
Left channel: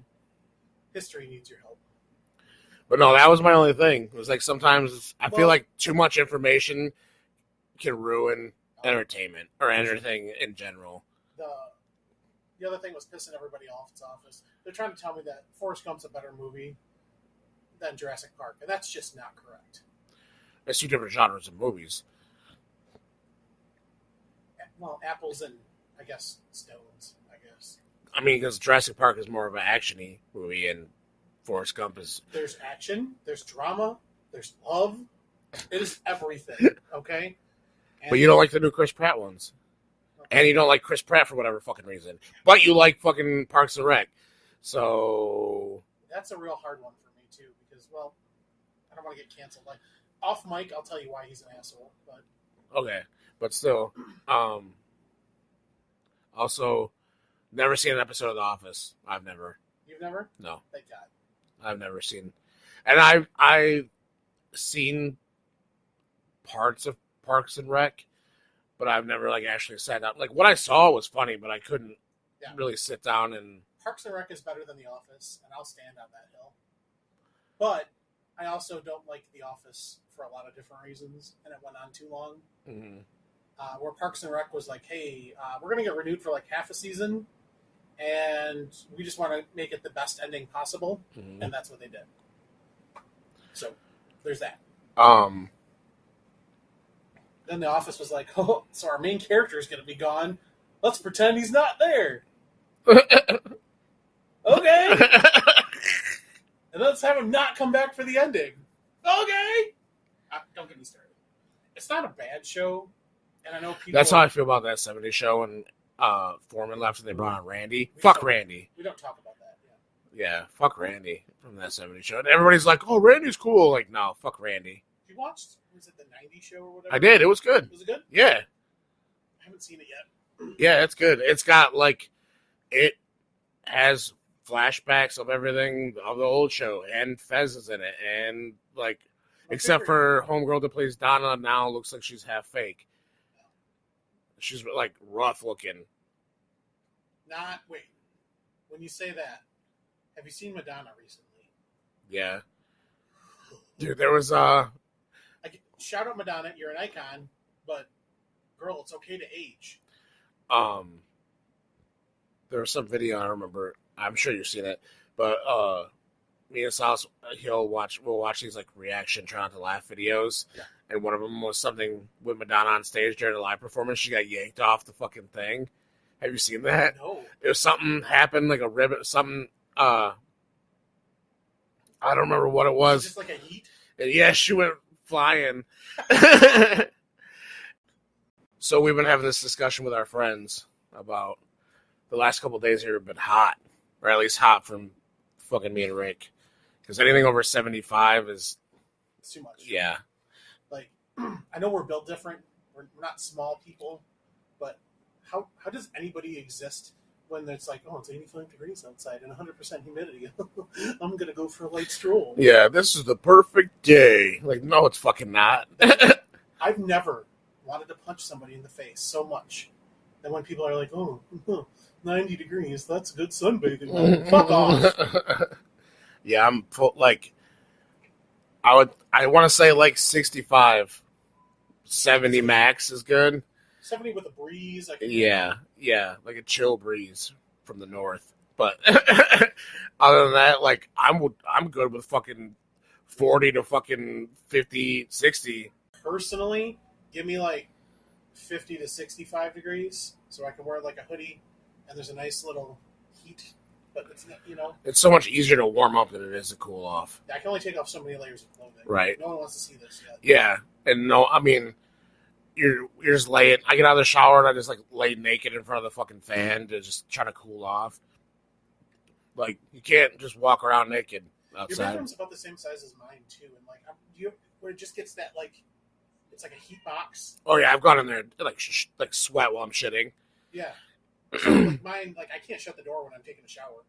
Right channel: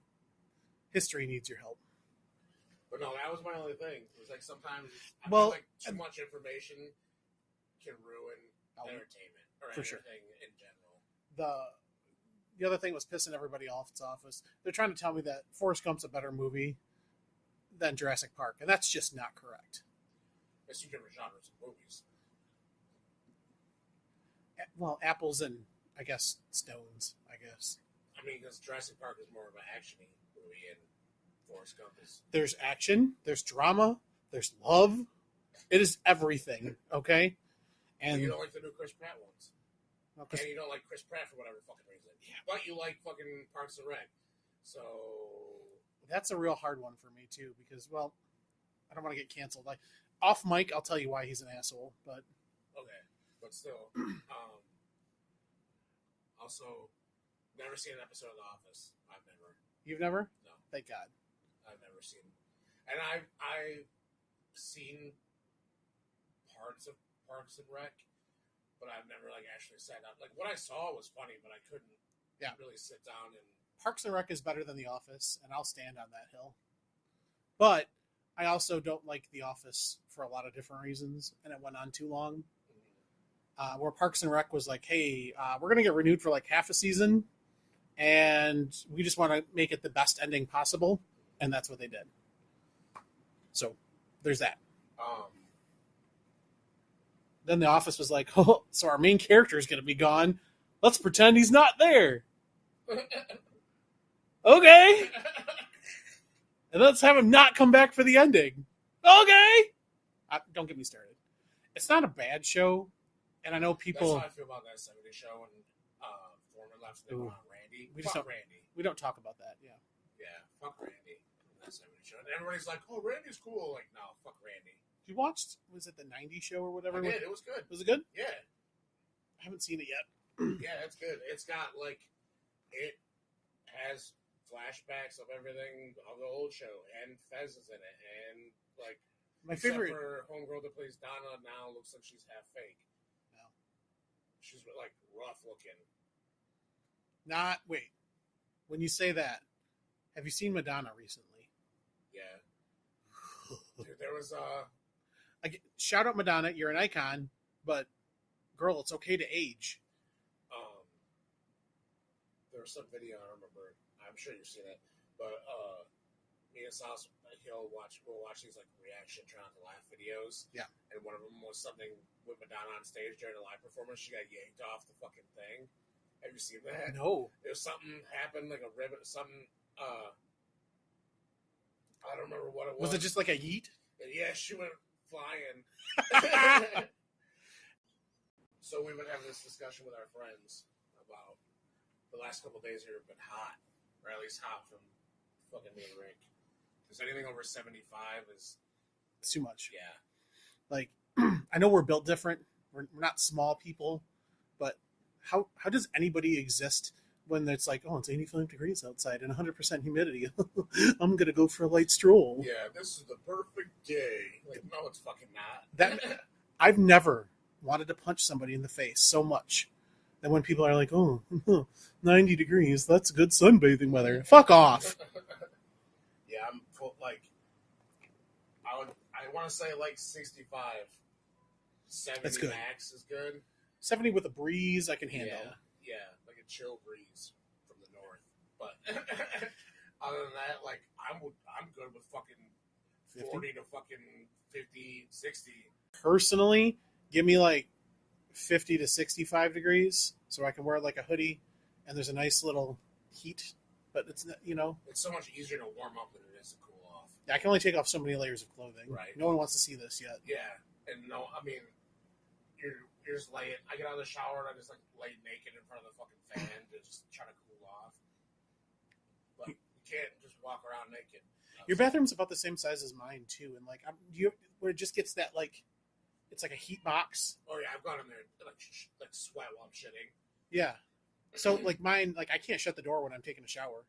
History needs your help. But no, that was my only thing. It was like sometimes I feel like too much information can ruin entertainment or anything in general. The other thing was pissing everybody off at office. They're trying to tell me that Forrest Gump's a better movie than Jurassic Park, and that's just not correct. There's two different genres of movies. Well, apples and, I guess, stones, I guess. I mean, because Jurassic Park is more of an action-y movie, and Forrest Gump is... There's action, there's drama, there's love. It is everything, okay? But you don't like the new Chris Pratt ones. Okay. And you don't like Chris Pratt for whatever fucking reason. But you like fucking Parks and Rec. So... That's a real hard one for me, too, because, well, I don't want to get canceled. Like, off mic, I'll tell you why he's an asshole, but... Okay. But still, also, never seen an episode of The Office. I've never. You've never? No. Thank God. I've never seen. And I've seen parts of Parks and Rec, but I've never like actually sat down. Like what I saw was funny, but I couldn't really sit down and. Parks and Rec is better than The Office, and I'll stand on that hill. But I also don't like The Office for a lot of different reasons, and it went on too long. Mm-hmm. Where Parks and Rec was like, hey, we're going to get renewed for like half a season, and we just want to make it the best ending possible, and that's what they did. So, there's that. Then The Office was like, oh, so our main character is going to be gone. Let's pretend he's not there. Okay. And let's have him not come back for the ending. Okay. Don't get me started. It's not a bad show. And I know people... That's how I feel about that 70s show when Foreman left and they brought on Randy. Fuck Randy. We don't talk about that, yeah. Fuck Randy from that 70s show. And everybody's like, oh, Randy's cool. Like, no, fuck Randy. You watched, was it the 90s show or whatever? I did. It was good. Was it good? Yeah. I haven't seen it yet. Yeah, it's good. It's got, like, it has flashbacks of everything of the old show. And Fez is in it. And, like, except for Homegirl that plays Donna now looks like she's half fake. She's like rough looking. Wait. When you say that, have you seen Madonna recently? Yeah. Dude, there was shout out Madonna, you're an icon, but girl, it's okay to age. There was some video I remember. I'm sure you've seen it, but me and Sal, we'll watch these like reaction try not to laugh videos. Yeah. And one of them was something with Madonna on stage during a live performance. She got yanked off the fucking thing. Have you seen that? No. It was something happened, like a ribbon, something. I I don't remember what it Was was. it just like a yeet? And yeah, she went flying. So we've been having this discussion with our friends about the last couple of days here have been hot, or at least hot from fucking me and Rick. Because anything over 75 is... It's too much. Yeah. Like, I know we're built different. We're not small people, but how does anybody exist when it's like, oh, it's 85 degrees outside and 100% humidity? I'm going to go for a light stroll. Yeah, this is the perfect day. Like, no, it's fucking not. I've never wanted to punch somebody in the face so much that when people are like, oh, 90 degrees, that's good sunbathing weather. Fuck off. Yeah, I'm like, I want to say like 65, 70 max is good. 70 with a breeze. I can Yeah, like a chill breeze from the north. But other than that, like I'm good with fucking 40 to fucking 50, 60. Personally, give me like 50 to 65 degrees so I can wear like a hoodie and there's a nice little heat, but it's not, It's so much easier to warm up than it is to cool off. I can only take off so many layers of clothing. Right. No one wants to see this yet. Yeah, and no, I mean, you're just laying. I get out of the shower and I just like lay naked in front of the fucking fan to just try to cool off. Like you can't just walk around naked outside. Your bathroom's about the same size as mine too, and like where it just gets that like it's like a heat box. Oh yeah, I've gone in there like sweat while I'm shitting. Yeah. So like mine, like I can't shut the door when I'm taking a shower.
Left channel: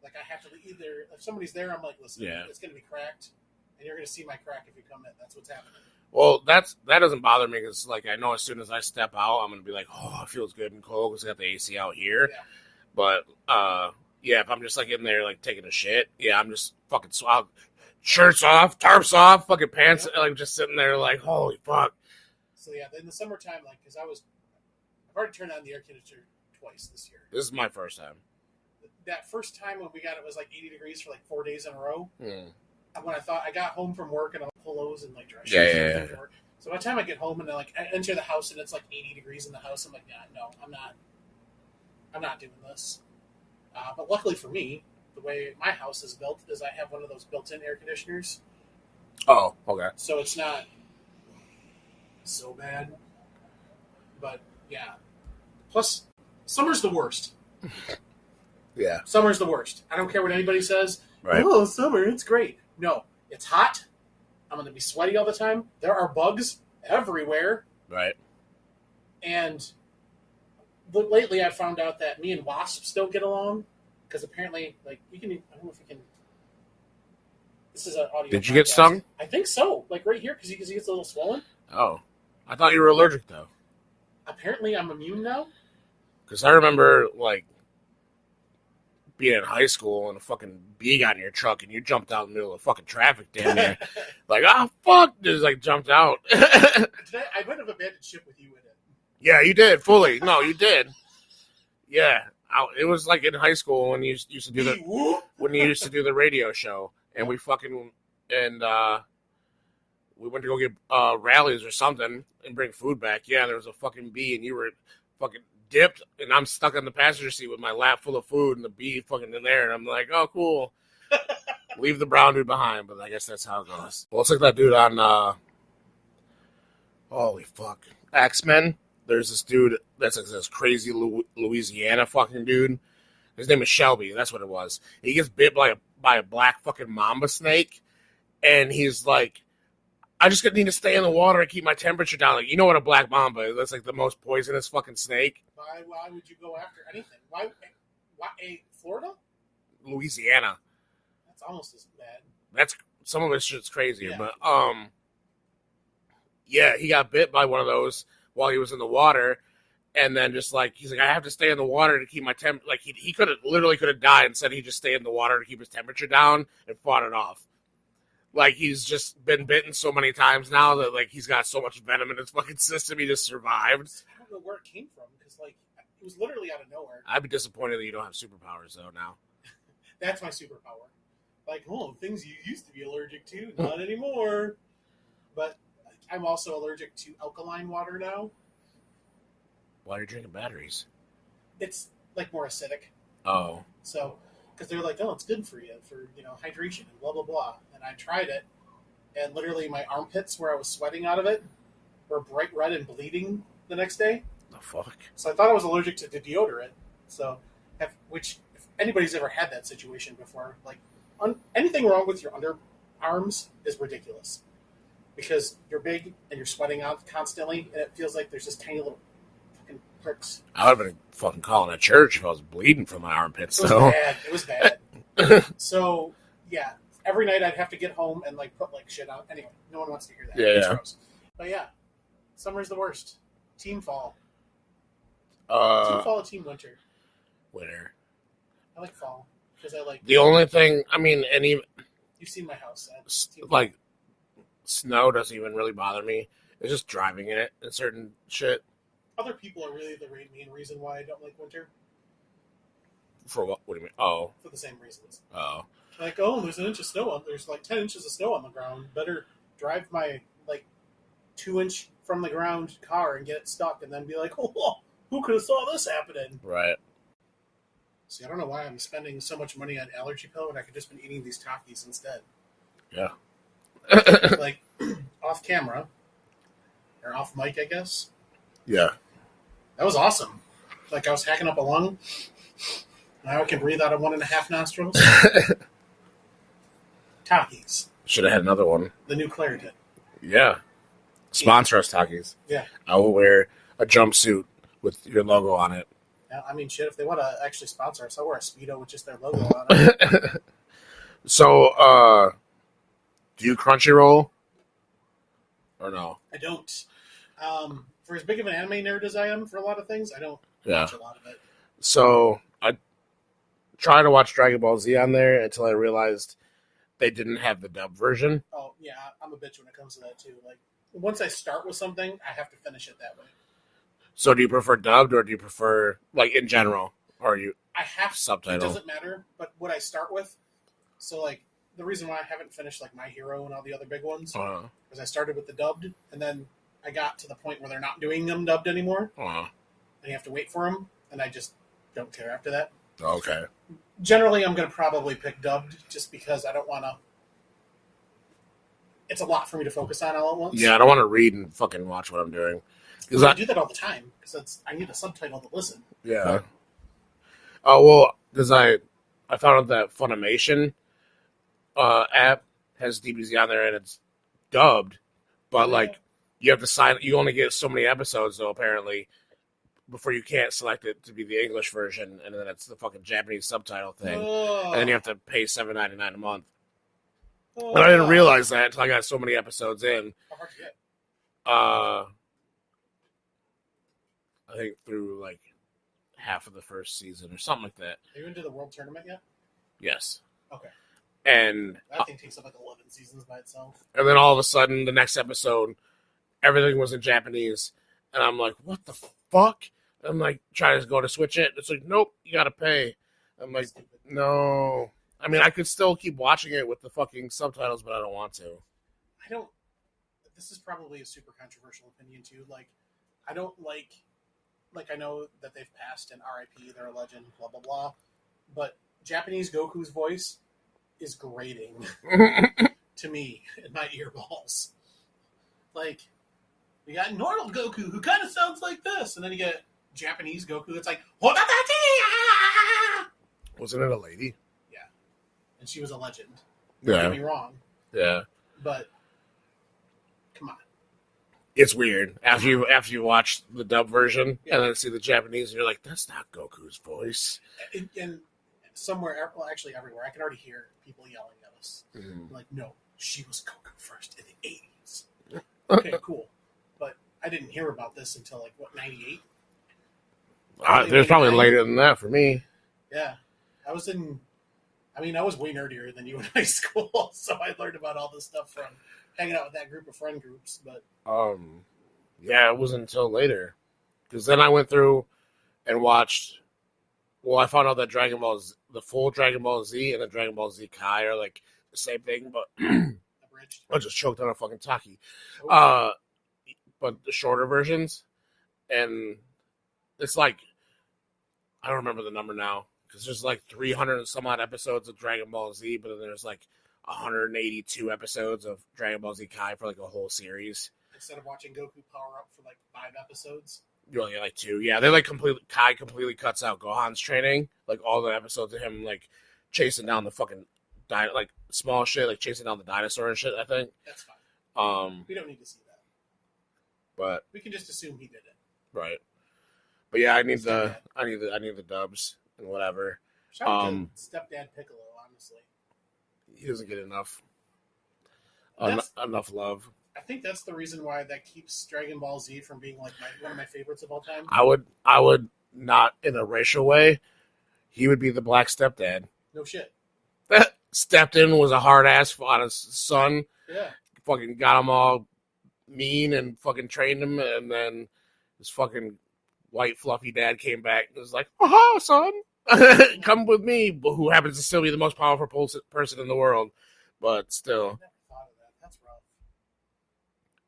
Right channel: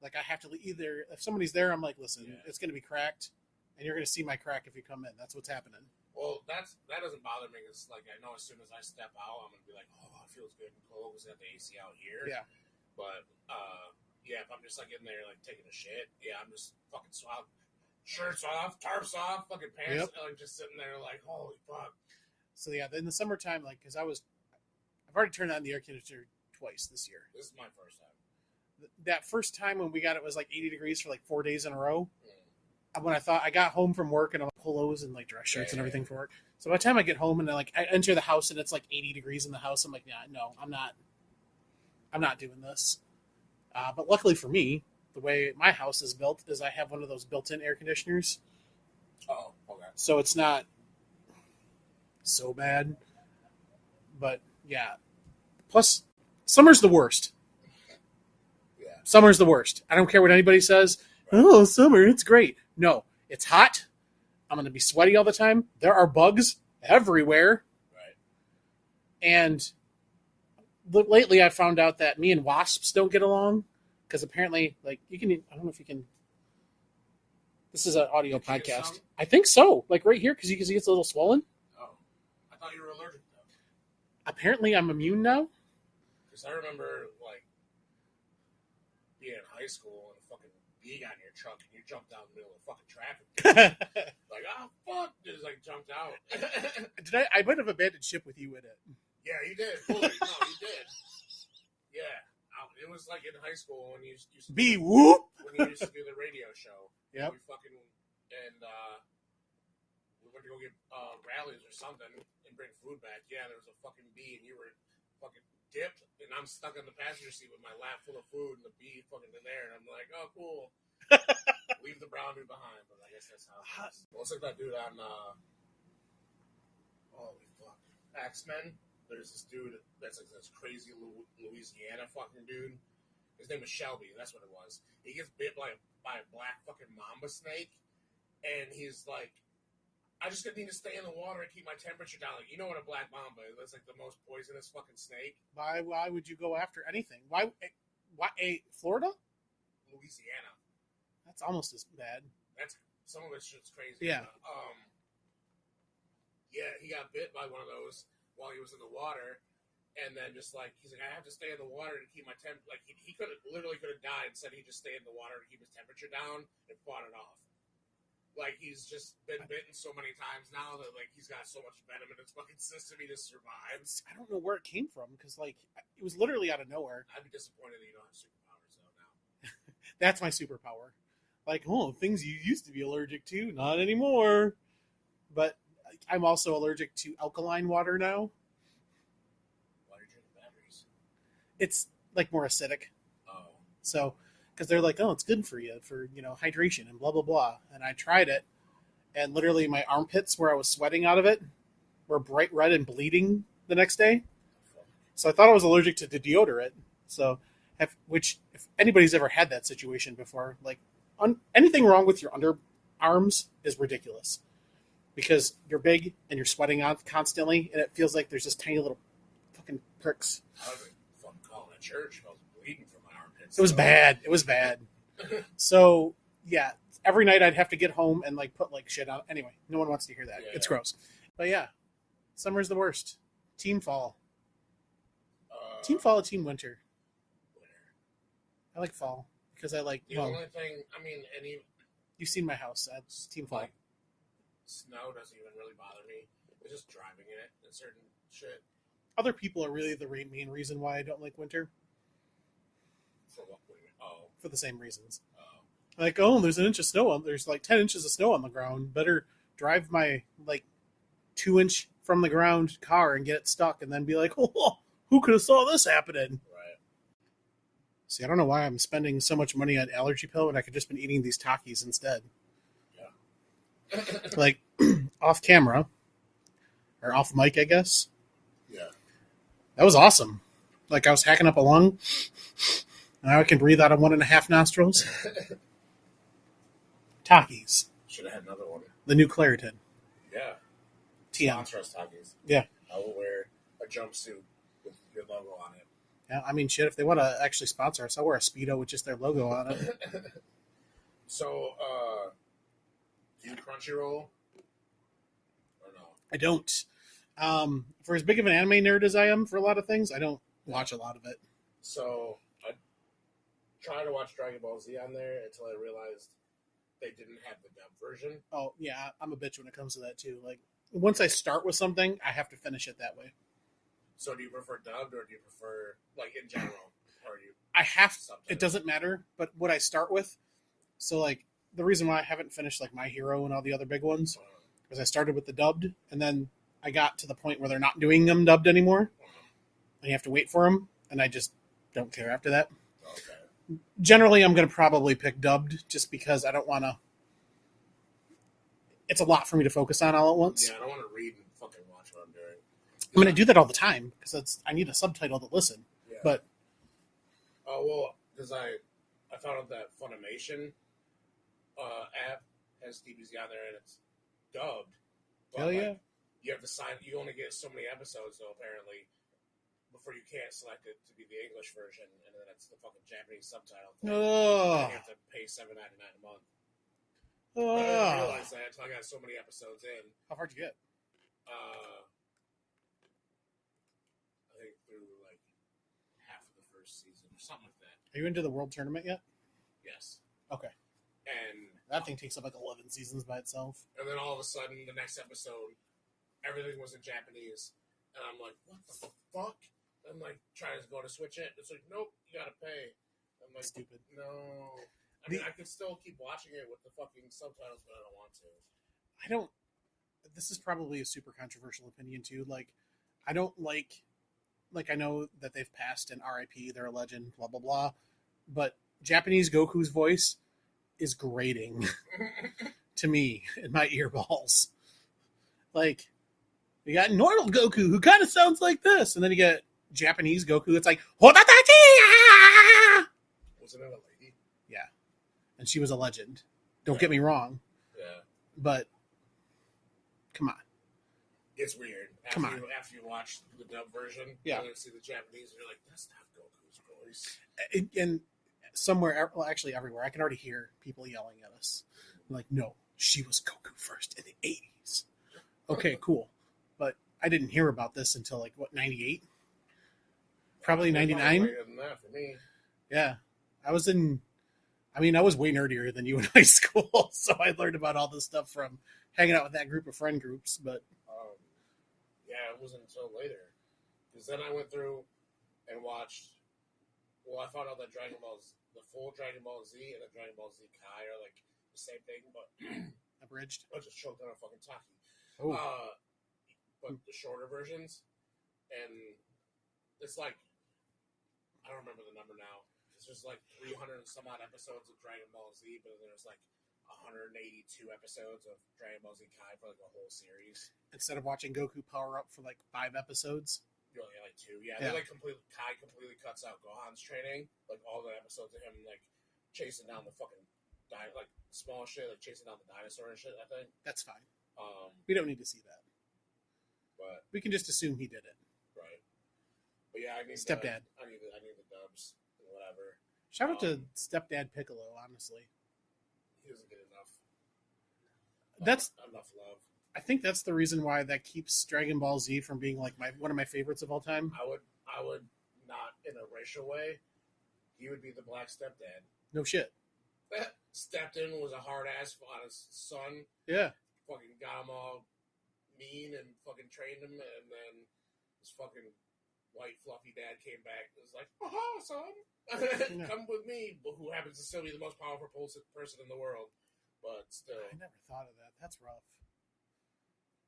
Like I have to either if somebody's there, I'm like, listen, it's gonna be cracked, and you're gonna see my crack if you come in. That's what's happening. Well, that doesn't bother me because like I know as soon as I step out, I'm gonna be like, oh, it feels good and cold because I got the AC out here. Yeah. But yeah, if I'm just like in there like taking a shit, yeah, I'm just fucking shirts off, tarps off, fucking pants, like just sitting there like, holy fuck. So yeah, in the summertime, like because I've already turned on the air conditioner twice this year. This is my first time. That first time when we got it was like 80 degrees for like 4 days in a row. When I got home from work and I'm polos and like dress shirts and everything for work. So by the time I get home and I enter the house and it's like 80 degrees in the house, I'm like, yeah, no, I'm not doing this. But luckily for me, the way my house is built is I have one of those built-in air conditioners. Oh, okay. So it's not so bad. But yeah. Plus, summer's the worst. Yeah. Summer's the worst. I don't care what anybody says. Right. Oh, summer, it's great. No, it's hot. I'm going to be sweaty all the time. There are bugs everywhere. Right. And lately I found out that me and wasps don't get along because apparently, like, you can, I don't know if you can, this is an audio Did you podcast. get stung? I think so. Like right here, because you can see it's a little swollen. Oh. I thought you were allergic, though. Apparently I'm immune now. Because I remember, like, being in high school and a fucking bee got in your truck and you jumped out in the middle of fucking traffic down there. Like, oh, fuck. Just, like, jumped out. I might have abandoned ship with you in it. Yeah, you did, fully. No, you did. Yeah. It was, like, in high school when you used to do when you used to do the radio show. And we fucking, and we went to go get rallies or something and bring food back. Yeah, there was a fucking bee and you were fucking dipped and I'm stuck on the passenger seat with my lap full of food and the bee fucking in there. And I'm like, oh, cool. Leave the brown dude behind. But I guess that's how it goes. Well, it's like that dude on, holy fuck, X-Men. There's this dude that's like this crazy Louisiana fucking dude. His name is Shelby. That's what it was. He gets bit by a black fucking mamba snake. And he's like, I just need to stay in the water and keep my temperature down. Like, you know what a black mamba is? That's like the most poisonous fucking snake. Why would you go after anything? Why Florida? Louisiana. That's almost as bad. That's some of it's just crazier. Yeah. But yeah, he got bit by one of those while he was in the water. And then just like, he's like, I have to stay in the water to keep my temp. Like he could have died and said he just stay in the water to keep his temperature down and fought it off. Like, he's just been bitten so many times now that, like, he's got so much venom in his fucking system, he just survived. I don't know where it came from, because, like, it was literally out of nowhere. I'd be disappointed that you don't have superpowers, though, now. That's my superpower. Like, things you used to be allergic to, not anymore. But I'm also allergic to alkaline water now. Why are you drinking batteries? It's, like, more acidic. Oh. So, because they're like, oh, it's good for you for hydration and blah blah blah. And I tried it, and literally my armpits where I was sweating out of it were bright red and bleeding the next day. The fuck? So I thought I was allergic to the deodorant. So, if anybody's ever had that situation before, like anything wrong with your underarms is ridiculous because you're big and you're sweating out constantly, and it feels like there's just tiny little fucking pricks. I would have been fucking calling a church if I was bleeding from my armpits. It was bad. It was bad. So yeah, every night I'd have to get home and like put like shit on. Anyway, no one wants to hear that. Yeah, It's gross. But yeah, summer's the worst. Team fall. Team fall or team winter? Winter. I like fall because I like the only thing. I mean, you've seen my house. Team fall. Like snow doesn't even really bother me. It's just driving in it and certain shit. Other people are really the main reason why I don't like winter. For what? What do you mean? Oh, for the same reasons. Oh, like there's an inch of snow on. There's like 10 inches of snow on the ground. Better drive my like 2-inch from the ground car and get it stuck, and then be like, oh, who could have saw this happening? Right. See, I don't know why I'm spending so much money on allergy pill when I could just been eating these Takis instead. Yeah. Like off camera or off mic, I guess. Yeah. That was awesome. Like I was hacking up a lung. Now I can breathe out of 1.5 nostrils. Takis. Should have had another one. The new Claritin. Yeah. Sponsor us, Takis. Yeah. I will wear a jumpsuit with your logo on it. Yeah, I mean, shit, if they want to actually sponsor us, I'll wear a Speedo with just their logo on it. So, do you Crunchyroll? Or no? I don't. For as big of an anime nerd as I am for a lot of things, I don't watch a lot of it. So, I tried to watch Dragon Ball Z on there until I realized they didn't have the dub version. Oh, yeah, I'm a bitch when it comes to that, too. Like, once I start with something, I have to finish it that way. So do you prefer dubbed or do you prefer, like, in general? Or you? I have subtitle. It doesn't matter, but what I start with, so, like, the reason why I haven't finished, like, My Hero and all the other big ones, is I started with the dubbed, and then I got to the point where they're not doing them dubbed anymore, and you have to wait for them, and I just don't care after that. Okay. Generally, I'm going to probably pick dubbed just because I don't want to. It's a lot for me to focus on all at once. Yeah, I don't want to read and fucking watch what I'm doing. I do that all the time because I need a subtitle to listen. Yeah. But, oh, well, because I found out that Funimation app has DBZ on there and it's dubbed, but you have to sign. You only get so many episodes though, apparently, before you can't select it to be the English version, and then it's the fucking Japanese subtitle thing, and then you have to pay $7.99 a month. And I didn't realize that until I got so many episodes in. How hard to get? I think through like half of the first season or something like that. Are you into the World Tournament yet? Yes. Okay. And that thing takes up like 11 seasons by itself. And then all of a sudden, the next episode, everything was in Japanese, and I'm like, "What the fuck?" I'm like, trying to go to switch it. It's like, "Nope, you gotta pay." I'm like, Stupid. "No." I mean, I could still keep watching it with the fucking subtitles, but I don't want to. I don't. This is probably a super controversial opinion too. Like, I don't like. Like, I know that they've passed and RIP, they're a legend, blah, blah, blah. But Japanese Goku's voice is grating to me in my earballs. Like, you got normal Goku, who kind of sounds like this. And then you got Japanese Goku, it's like, Hodatachi! Wasn't it a lady? Yeah. And she was a legend. Don't get me wrong. Yeah. But, come on. It's weird after you watch the dub version and then see the Japanese, and you're like, "That's not Goku's voice." And somewhere, well, actually everywhere, I can already hear people yelling at us. Like, no, she was Goku first in the 80s. Okay, cool. But I didn't hear about this until like what, 98? There's probably later than that for me. Yeah, I was way nerdier than you in high school, so I learned about all this stuff from hanging out with that group of friend groups. But yeah, it wasn't until later, because then I went through and watched. Well, I found out that the full Dragon Ball Z and the Dragon Ball Z Kai are like the same thing, but abridged. I just choked on a fucking Taqui. Oh. But the shorter versions, and it's like, I don't remember the number now because there's like 300 and some odd episodes of Dragon Ball Z, but then there's like 182 episodes of Dragon Ball Z Kai for like a whole series. Instead of watching Goku power up for like 5 episodes. You only get like 2. Yeah, they like Kai completely cuts out Gohan's training. Like all the episodes of him like chasing down the fucking like small shit, like chasing down the dinosaur and shit, I think. That's fine. We don't need to see that. But we can just assume he did it. Right. But yeah, I need the dubs and whatever. Shout out to Stepdad Piccolo, honestly. He doesn't get enough love. I think that's the reason why that keeps Dragon Ball Z from being like one of my favorites of all time. I would not in a racial way. He would be the black stepdad. No shit. Stepped in, was a hard ass on his son. Yeah. Fucking got him all mean and fucking trained him, and then his fucking white fluffy dad came back and was like, "Aha, son, come with me." Who happens to still be the most powerful person in the world, but still. I never thought of that. That's rough.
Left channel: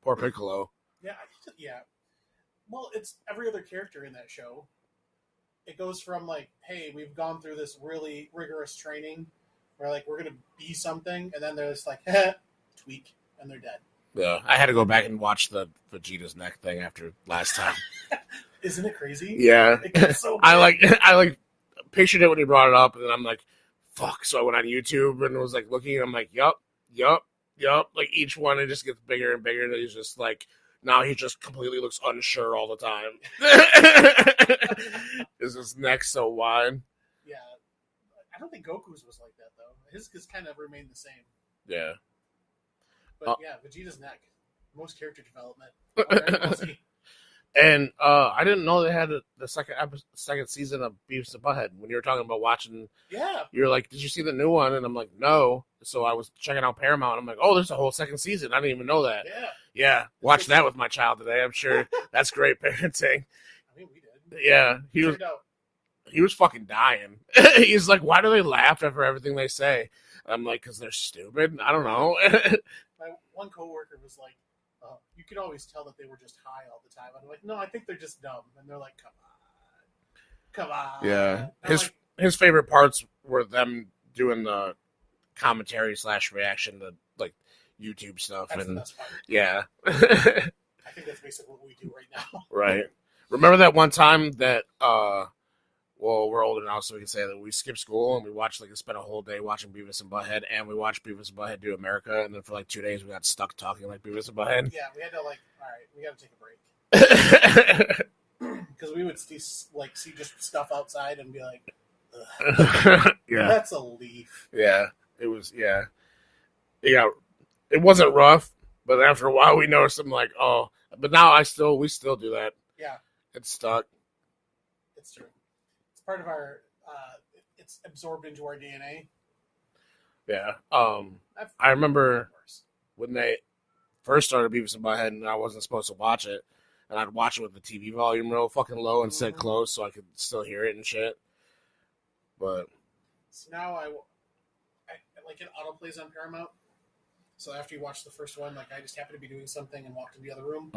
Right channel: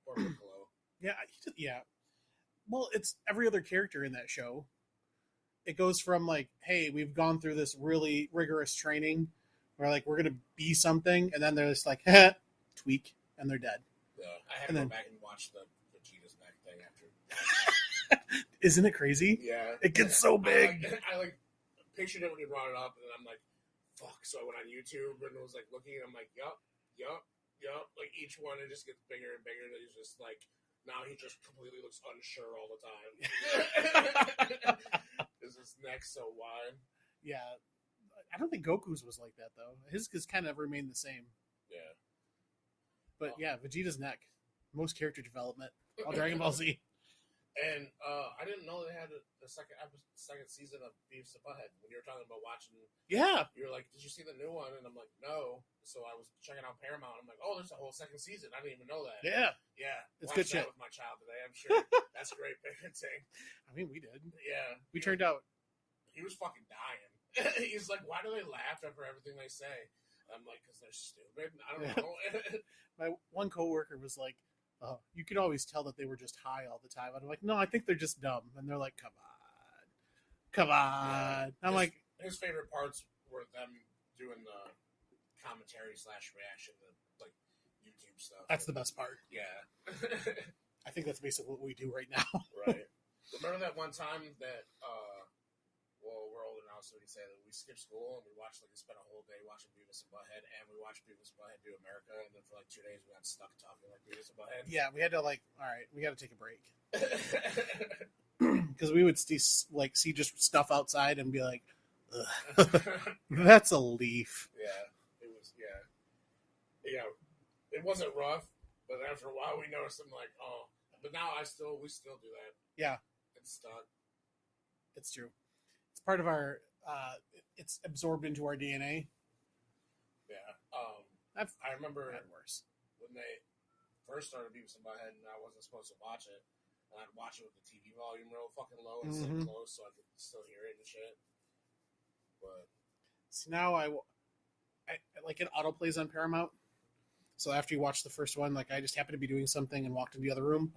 Poor Piccolo. Yeah. Well, it's every other character in that show. It goes from like, hey, we've gone through this really rigorous training. We're gonna be something, and then they're just like, tweak, and they're dead. Yeah, I had to go back and watch the Vegeta's neck thing after last time. Isn't it crazy? Yeah, it gets so big. I like pictured it when he brought it up, and then I'm like, fuck. So I went on YouTube and was like looking. And I'm like, yup. Like each one, it just gets bigger and bigger. And he's just like, now he just completely looks unsure all the time. Is his neck so wide? Yeah. I don't think Goku's was like that, though. His kind of remained the same. Yeah. But yeah, Vegeta's neck. Most character development. Dragon Ball Z. And I didn't know they had the second season of Beavis and Butthead. When you were talking about watching, yeah, you were like, "Did you see the new one?" And I'm like, "No." So I was checking out Paramount. I'm like, "Oh, there's a whole second season. I didn't even know that." Yeah. Watch that with my child today. I'm sure that's great parenting. I mean, we did. Yeah, he was fucking dying. He's like, "Why do they laugh after everything they say?" I'm like, "Because they're stupid." I don't know. My one coworker was like, you could always tell that they were just high all the time. I'm like, no, I think they're just dumb. And they're like, come on. Yeah. His favorite parts were them doing the commentary / reaction to like YouTube stuff. That's the best part. Yeah. I think that's basically what we do right now. Right. Remember that one time that well, we're older now, so we can say that we skipped school and we spent a whole day watching Beavis and Butthead, and we watched Beavis and Butthead do America, and then for like 2 days we got stuck talking like Beavis and Butthead. Yeah, we had to all right, we got to take a break because we would see just stuff outside and be like, yeah, that's a leaf. Yeah, it was. Yeah, it wasn't rough, but after a while we noticed I'm like, oh, but now we still do that. Yeah, it's stuck. It's true. Part of our it's absorbed into our DNA. Yeah. I remember when they first started Beavis and Butthead and I wasn't supposed to watch it, and I'd watch it with the TV volume real fucking low and sit close so I could still hear it and shit. But so now I like it autoplays on Paramount. So after you watch the first one, like I just happened to be doing something and walked in the other room.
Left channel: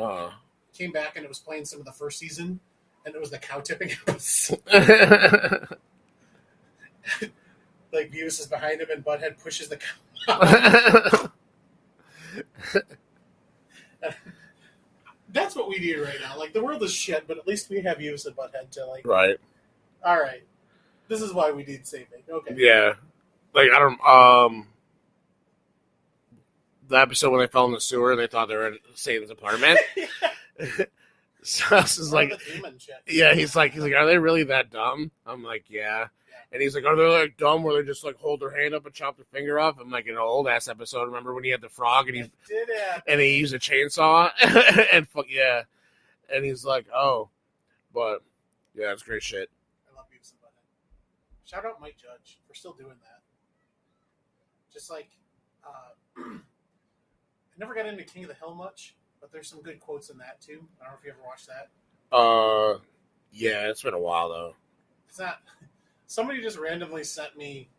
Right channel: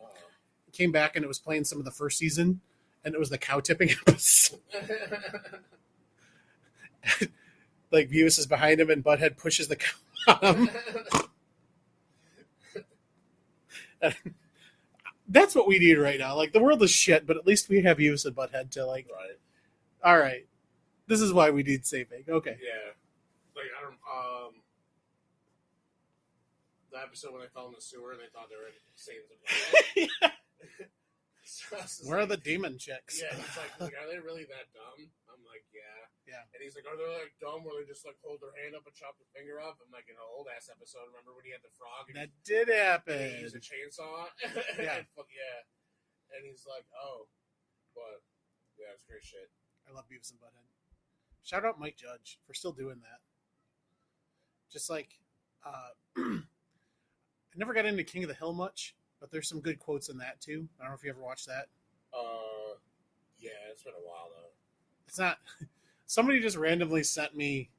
Came back and it was playing some of the first season. And it was the cow tipping episode. Like Beavis is behind him and Butthead pushes the cow. That's what we need right now. Like the world is shit, but at least we have Beavis and Butthead to like. Right. All right. This is why we need saving. Okay. Yeah. Like I don't. The episode when they fell in the sewer and they thought they were in Satan's apartment. So this is like the demon chicks. Yeah, he's like, are they really that dumb? I'm like, yeah. And he's like, are they like dumb where they just like hold their hand up and chop their finger off? I'm like, in an old ass episode. Remember when he had the frog and he used a chainsaw and fuck yeah, and he's like, oh, but yeah, it's great shit. I love Beavis and Butthead. Shout out Mike Judge for still doing that. Just like, I never got into King of the Hill much. But there's some good quotes in that too. I don't know if you ever watched that. Yeah, it's been a while though. It's not. Somebody just randomly sent me.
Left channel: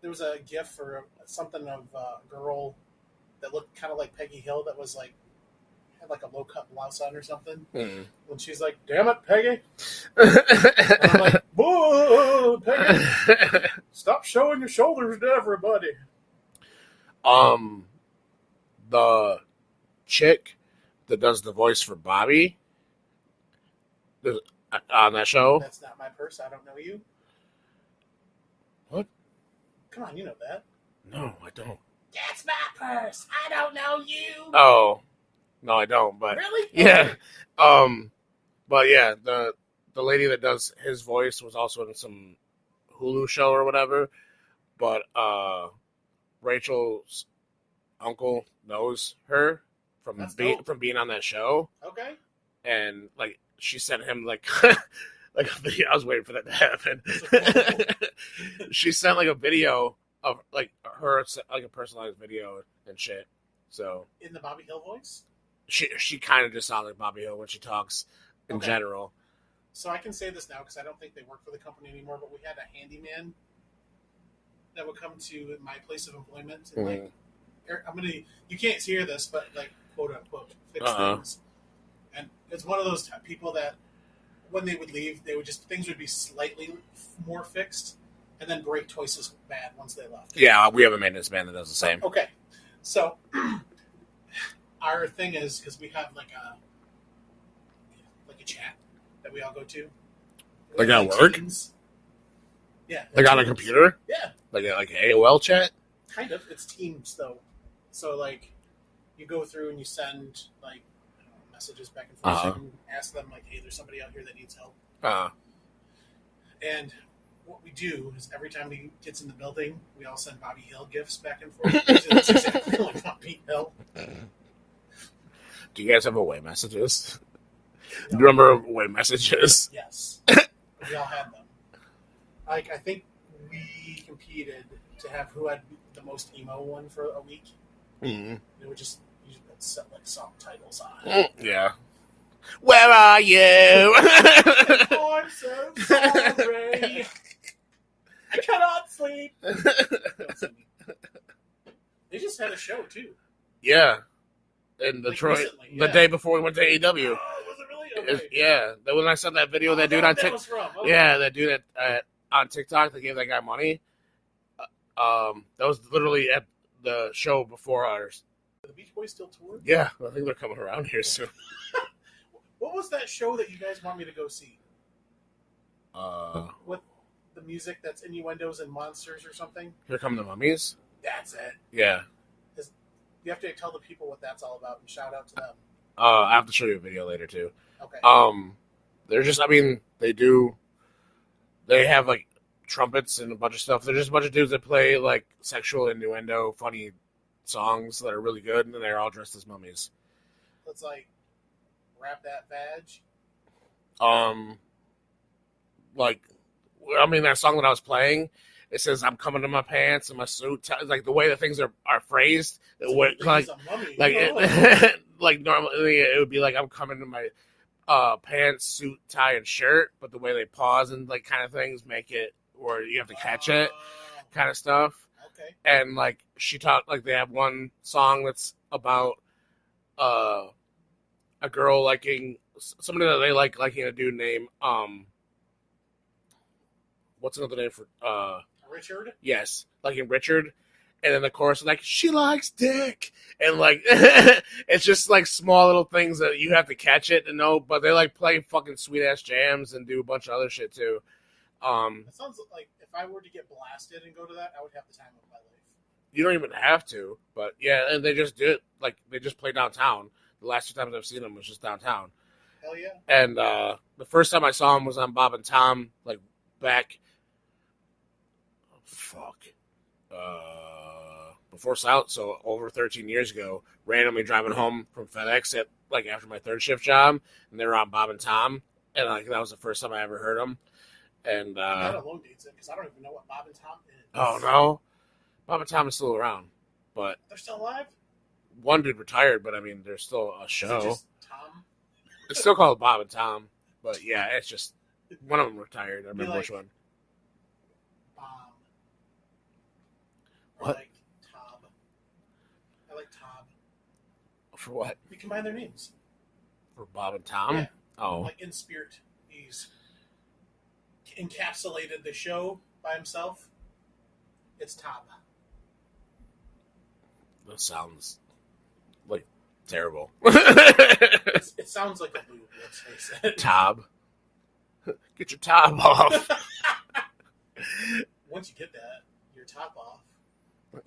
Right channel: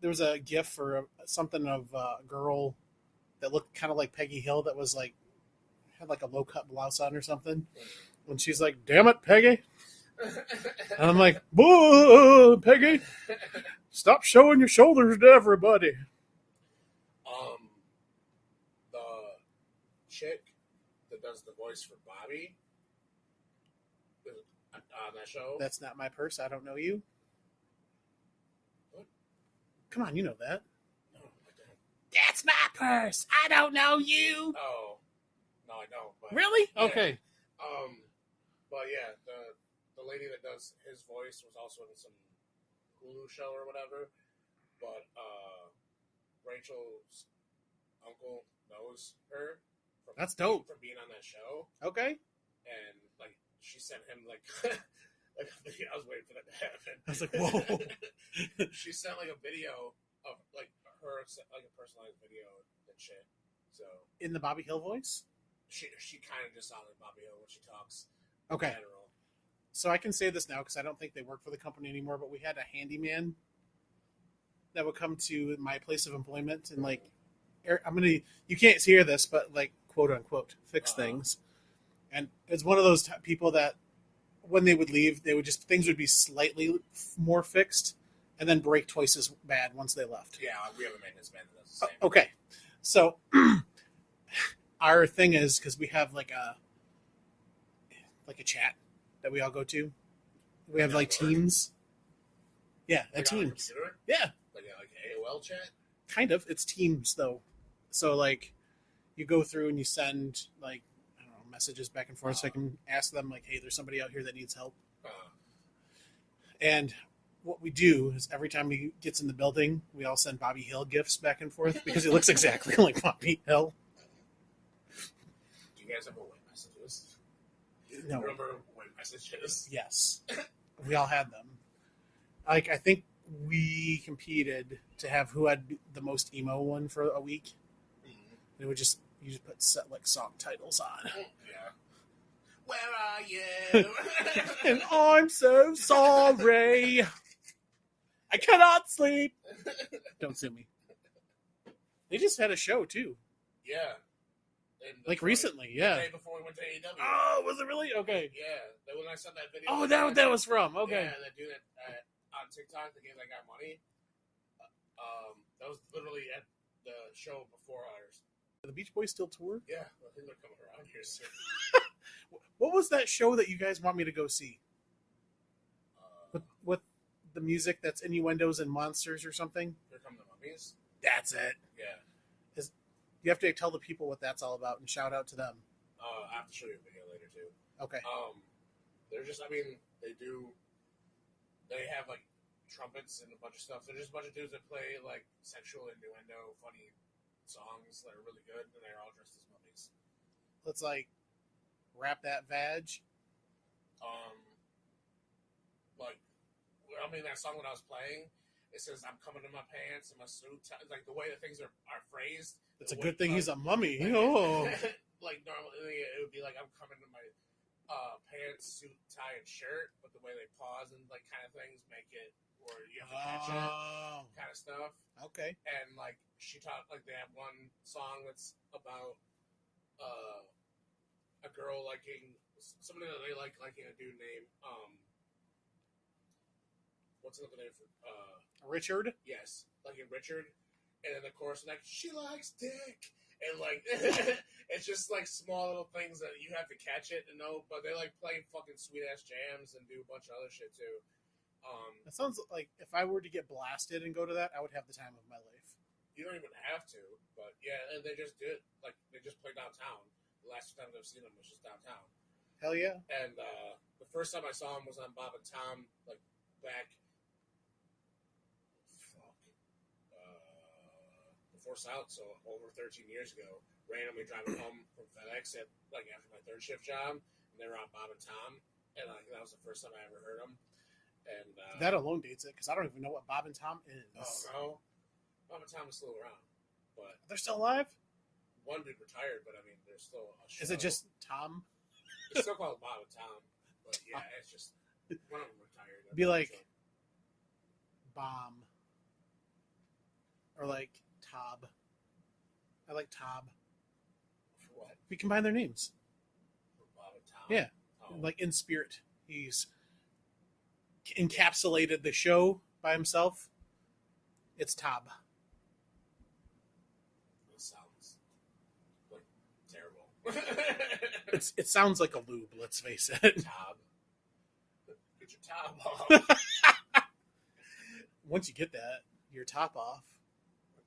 There was a GIF for something of a girl that looked kind of like Peggy Hill. That was like had like a low cut blouse on or something. Mm. And she's like, "Damn it, Peggy!" And I'm like, "Whoa, Peggy, stop showing your shoulders to everybody." The chick that does the voice for Bobby on that show. That's not my purse. I don't know you. What? Come on, you know that. No, I don't. That's my purse. I don't know you. Oh, no, I don't. But really? yeah. Okay. But yeah, the lady that does his voice was also in some Hulu show or whatever. But Rachel's uncle knows her from being on that show. Okay. And like she sent him like like a video. I was waiting for that to happen. She sent like a video of like her, like a personalized video and shit. So in the Bobby Hill voice, she kind of just sounds like Bobby Hill when she talks in general. So I can say this now because I don't think they work for the company anymore. But we had a handyman that would come to my place of employment and like, you can't hear this, but like quote unquote fix things. And it's one of those people that when they would leave, they would just things would be slightly more fixed and then break twice as bad once they left. Yeah, we have a maintenance man that does the same. Okay, so our thing is because we have like a chat that we all go to. Like at work? Teams. Yeah, like on a computer. Yeah, like AOL chat. Kind of. It's Teams though, so like you go through and you send like messages back and forth. So I can ask them like, "Hey, there's somebody out here that needs help." And what we do is every time he gets in the building, we all send Bobby Hill gifts back and forth because it looks exactly like Bobby Hill. Do you guys have away messages? No. Do you remember away messages? Yes, we all had them. Like I think we competed to have who had the most emo one for a week. Mm-hmm. And you just put like song titles on. Yeah. Where are you? I'm so sorry. I cannot sleep. Don't see me. They just had a show too. Yeah. In Detroit. Like recently, the day before we went to AEW. Oh, was it really? Okay. Yeah. When I saw that video, that dude on TikTok. Okay. Yeah, that dude on TikTok that gave that guy money. That was literally at the show before ours. Are the Beach Boys still touring? Yeah, I think they're coming around here soon. What was that show that you guys want me to go see? What the music that's innuendos and monsters or something? Here Come the Mummies? That's it. Yeah. You have to tell the people what that's all about and shout out to them. I have to show you a video later too. Okay. They're just, they have like trumpets and a bunch of stuff. They're just a bunch of dudes that play like sexual innuendo, funny songs that are really good, and they're all dressed as mummies. Let's like rap that vag. That song that I was playing, it says "I'm coming to my pants and my suit." Like the way that things are phrased, like a mummy. Like normally it would be like "I'm coming to my pants, suit, tie, and shirt," but the way they pause and like kind of things make it where you have to catch it, kind of stuff. Okay. And like she talked, like they have one song that's about a girl liking somebody that they liking a dude named what's another name for Richard? Yes, liking Richard. And then the chorus is like, she likes dick. And like it's just like small little things that you have to catch it to know, but they like play fucking sweet ass jams and do a bunch of other shit too. That sounds like if I were to get blasted and go to that, I would have the time of my life. You don't even have to, but yeah, and they just do it. Like they just play downtown. The last two times I've seen them was just downtown. Hell yeah! And the first time I saw them was on Bob and Tom, like back. Before South, so over 13 years ago, randomly driving home from FedEx at like after my third shift job, and they were on Bob and Tom, and like that was the first time I ever heard them. And that alone dates it because I don't even know what Bob and Tom is. Oh no, Bob and Tom is still around, but they're still alive. One dude retired, but I mean, there's still a show. Is it just Tom? It's still called Bob and Tom, but yeah, it's just one of them retired. I remember which one. Bomb. Or what? like Tob. I like Tob. For what? We combine their names. For Bob and Tom? Yeah. Oh. Like in spirit. He's encapsulated the show by himself. It's Tob. That sounds like terrible. It sounds like a lube, let's face it. Tob. Get your top off. Once you get your top off,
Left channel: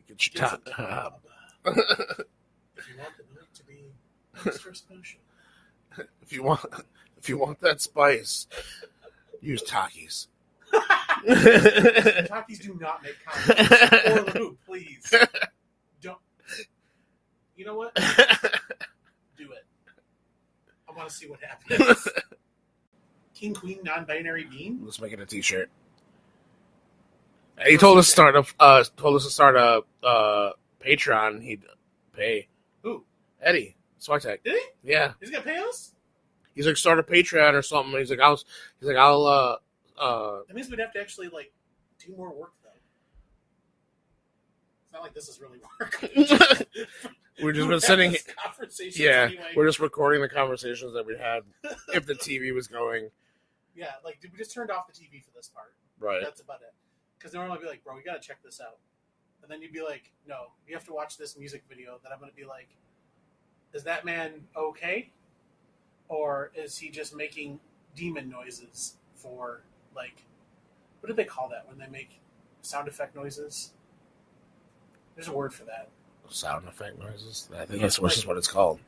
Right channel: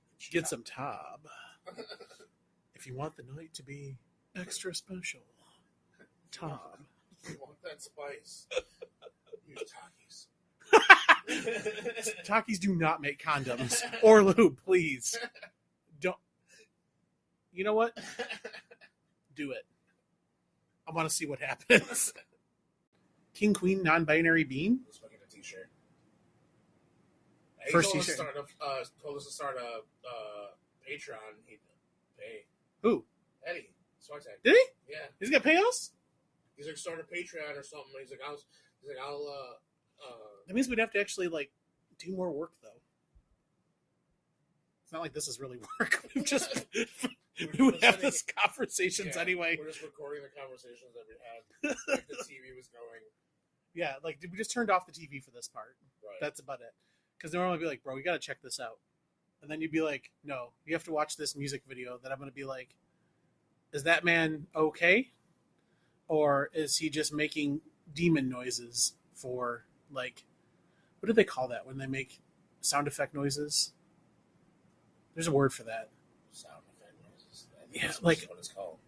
Get your get top some Tob. If you want the night to be extra special. If you want that spice, use Taqui's. Takis do not make condoms or lube, please. Don't. You know what? Do it. I want to see what happens. King, queen, non-binary being. Let's make it a T-shirt. He told us to start a Patreon. He'd pay. Who? Eddie Switek. Did he? Yeah. He's gonna pay us? He's like, start a Patreon or something. He's like, I'll That means we'd have to actually like do more work though. It's not like this is really work. We've just been sitting conversations anyway. We're just recording the conversations that we had if the TV was going. Yeah, like we just turned off the TV for this part. Right. That's about it. Because normally I'd be like, bro, you gotta check this out. And then you'd be like, no, you have to watch this music video that I'm gonna be like, is that man okay? Or is he just making demon noises for, like, what do they call that when they make sound effect noises? There's a word for that. Sound effect noises? I think that's what it's called.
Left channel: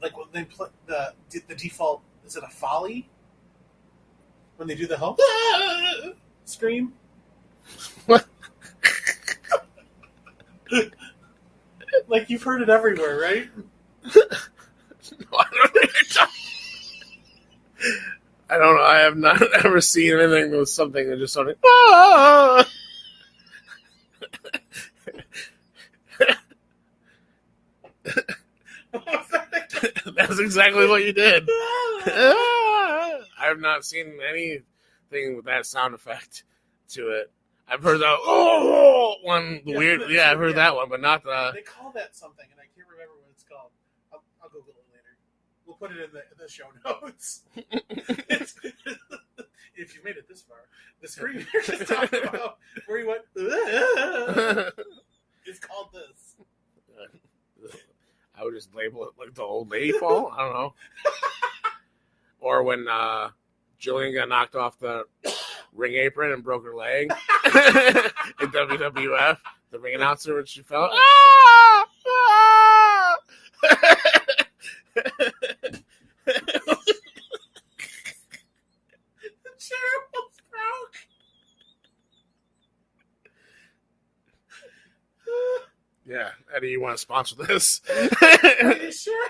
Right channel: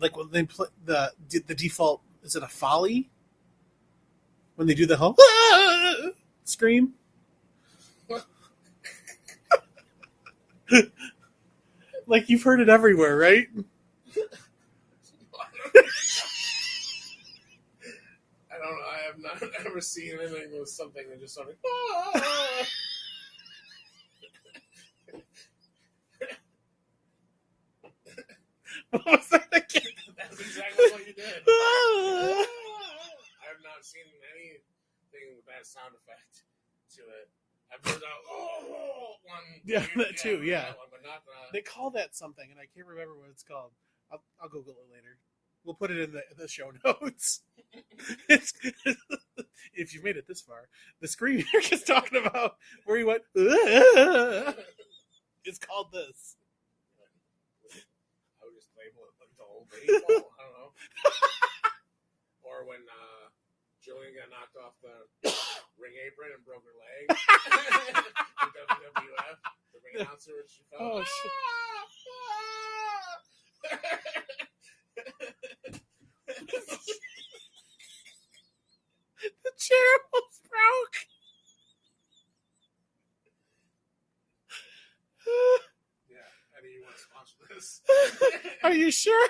Like when they play the default, is it a folly? When they do the whole scream? Like you've heard it everywhere, right? I don't know. I have not ever seen anything that was something that just sounded. Ah! That's exactly what you did. I have not seen anything with that sound effect to it. I've heard the one weird. Yeah, I've heard that one, but not the. They call that something, and I can't remember what it's called. I'll Google it later. We'll put it in the show notes. If you've made it this far, the scream you're just talking about, where you went, it's called this. I would just label it like the old lady fall. I don't know. Or when Jillian got knocked off the ring apron and broke her leg in WWF, the ring announcer when she fell. The chair almost broke. Yeah, Eddie, you want to sponsor this? Are you sure?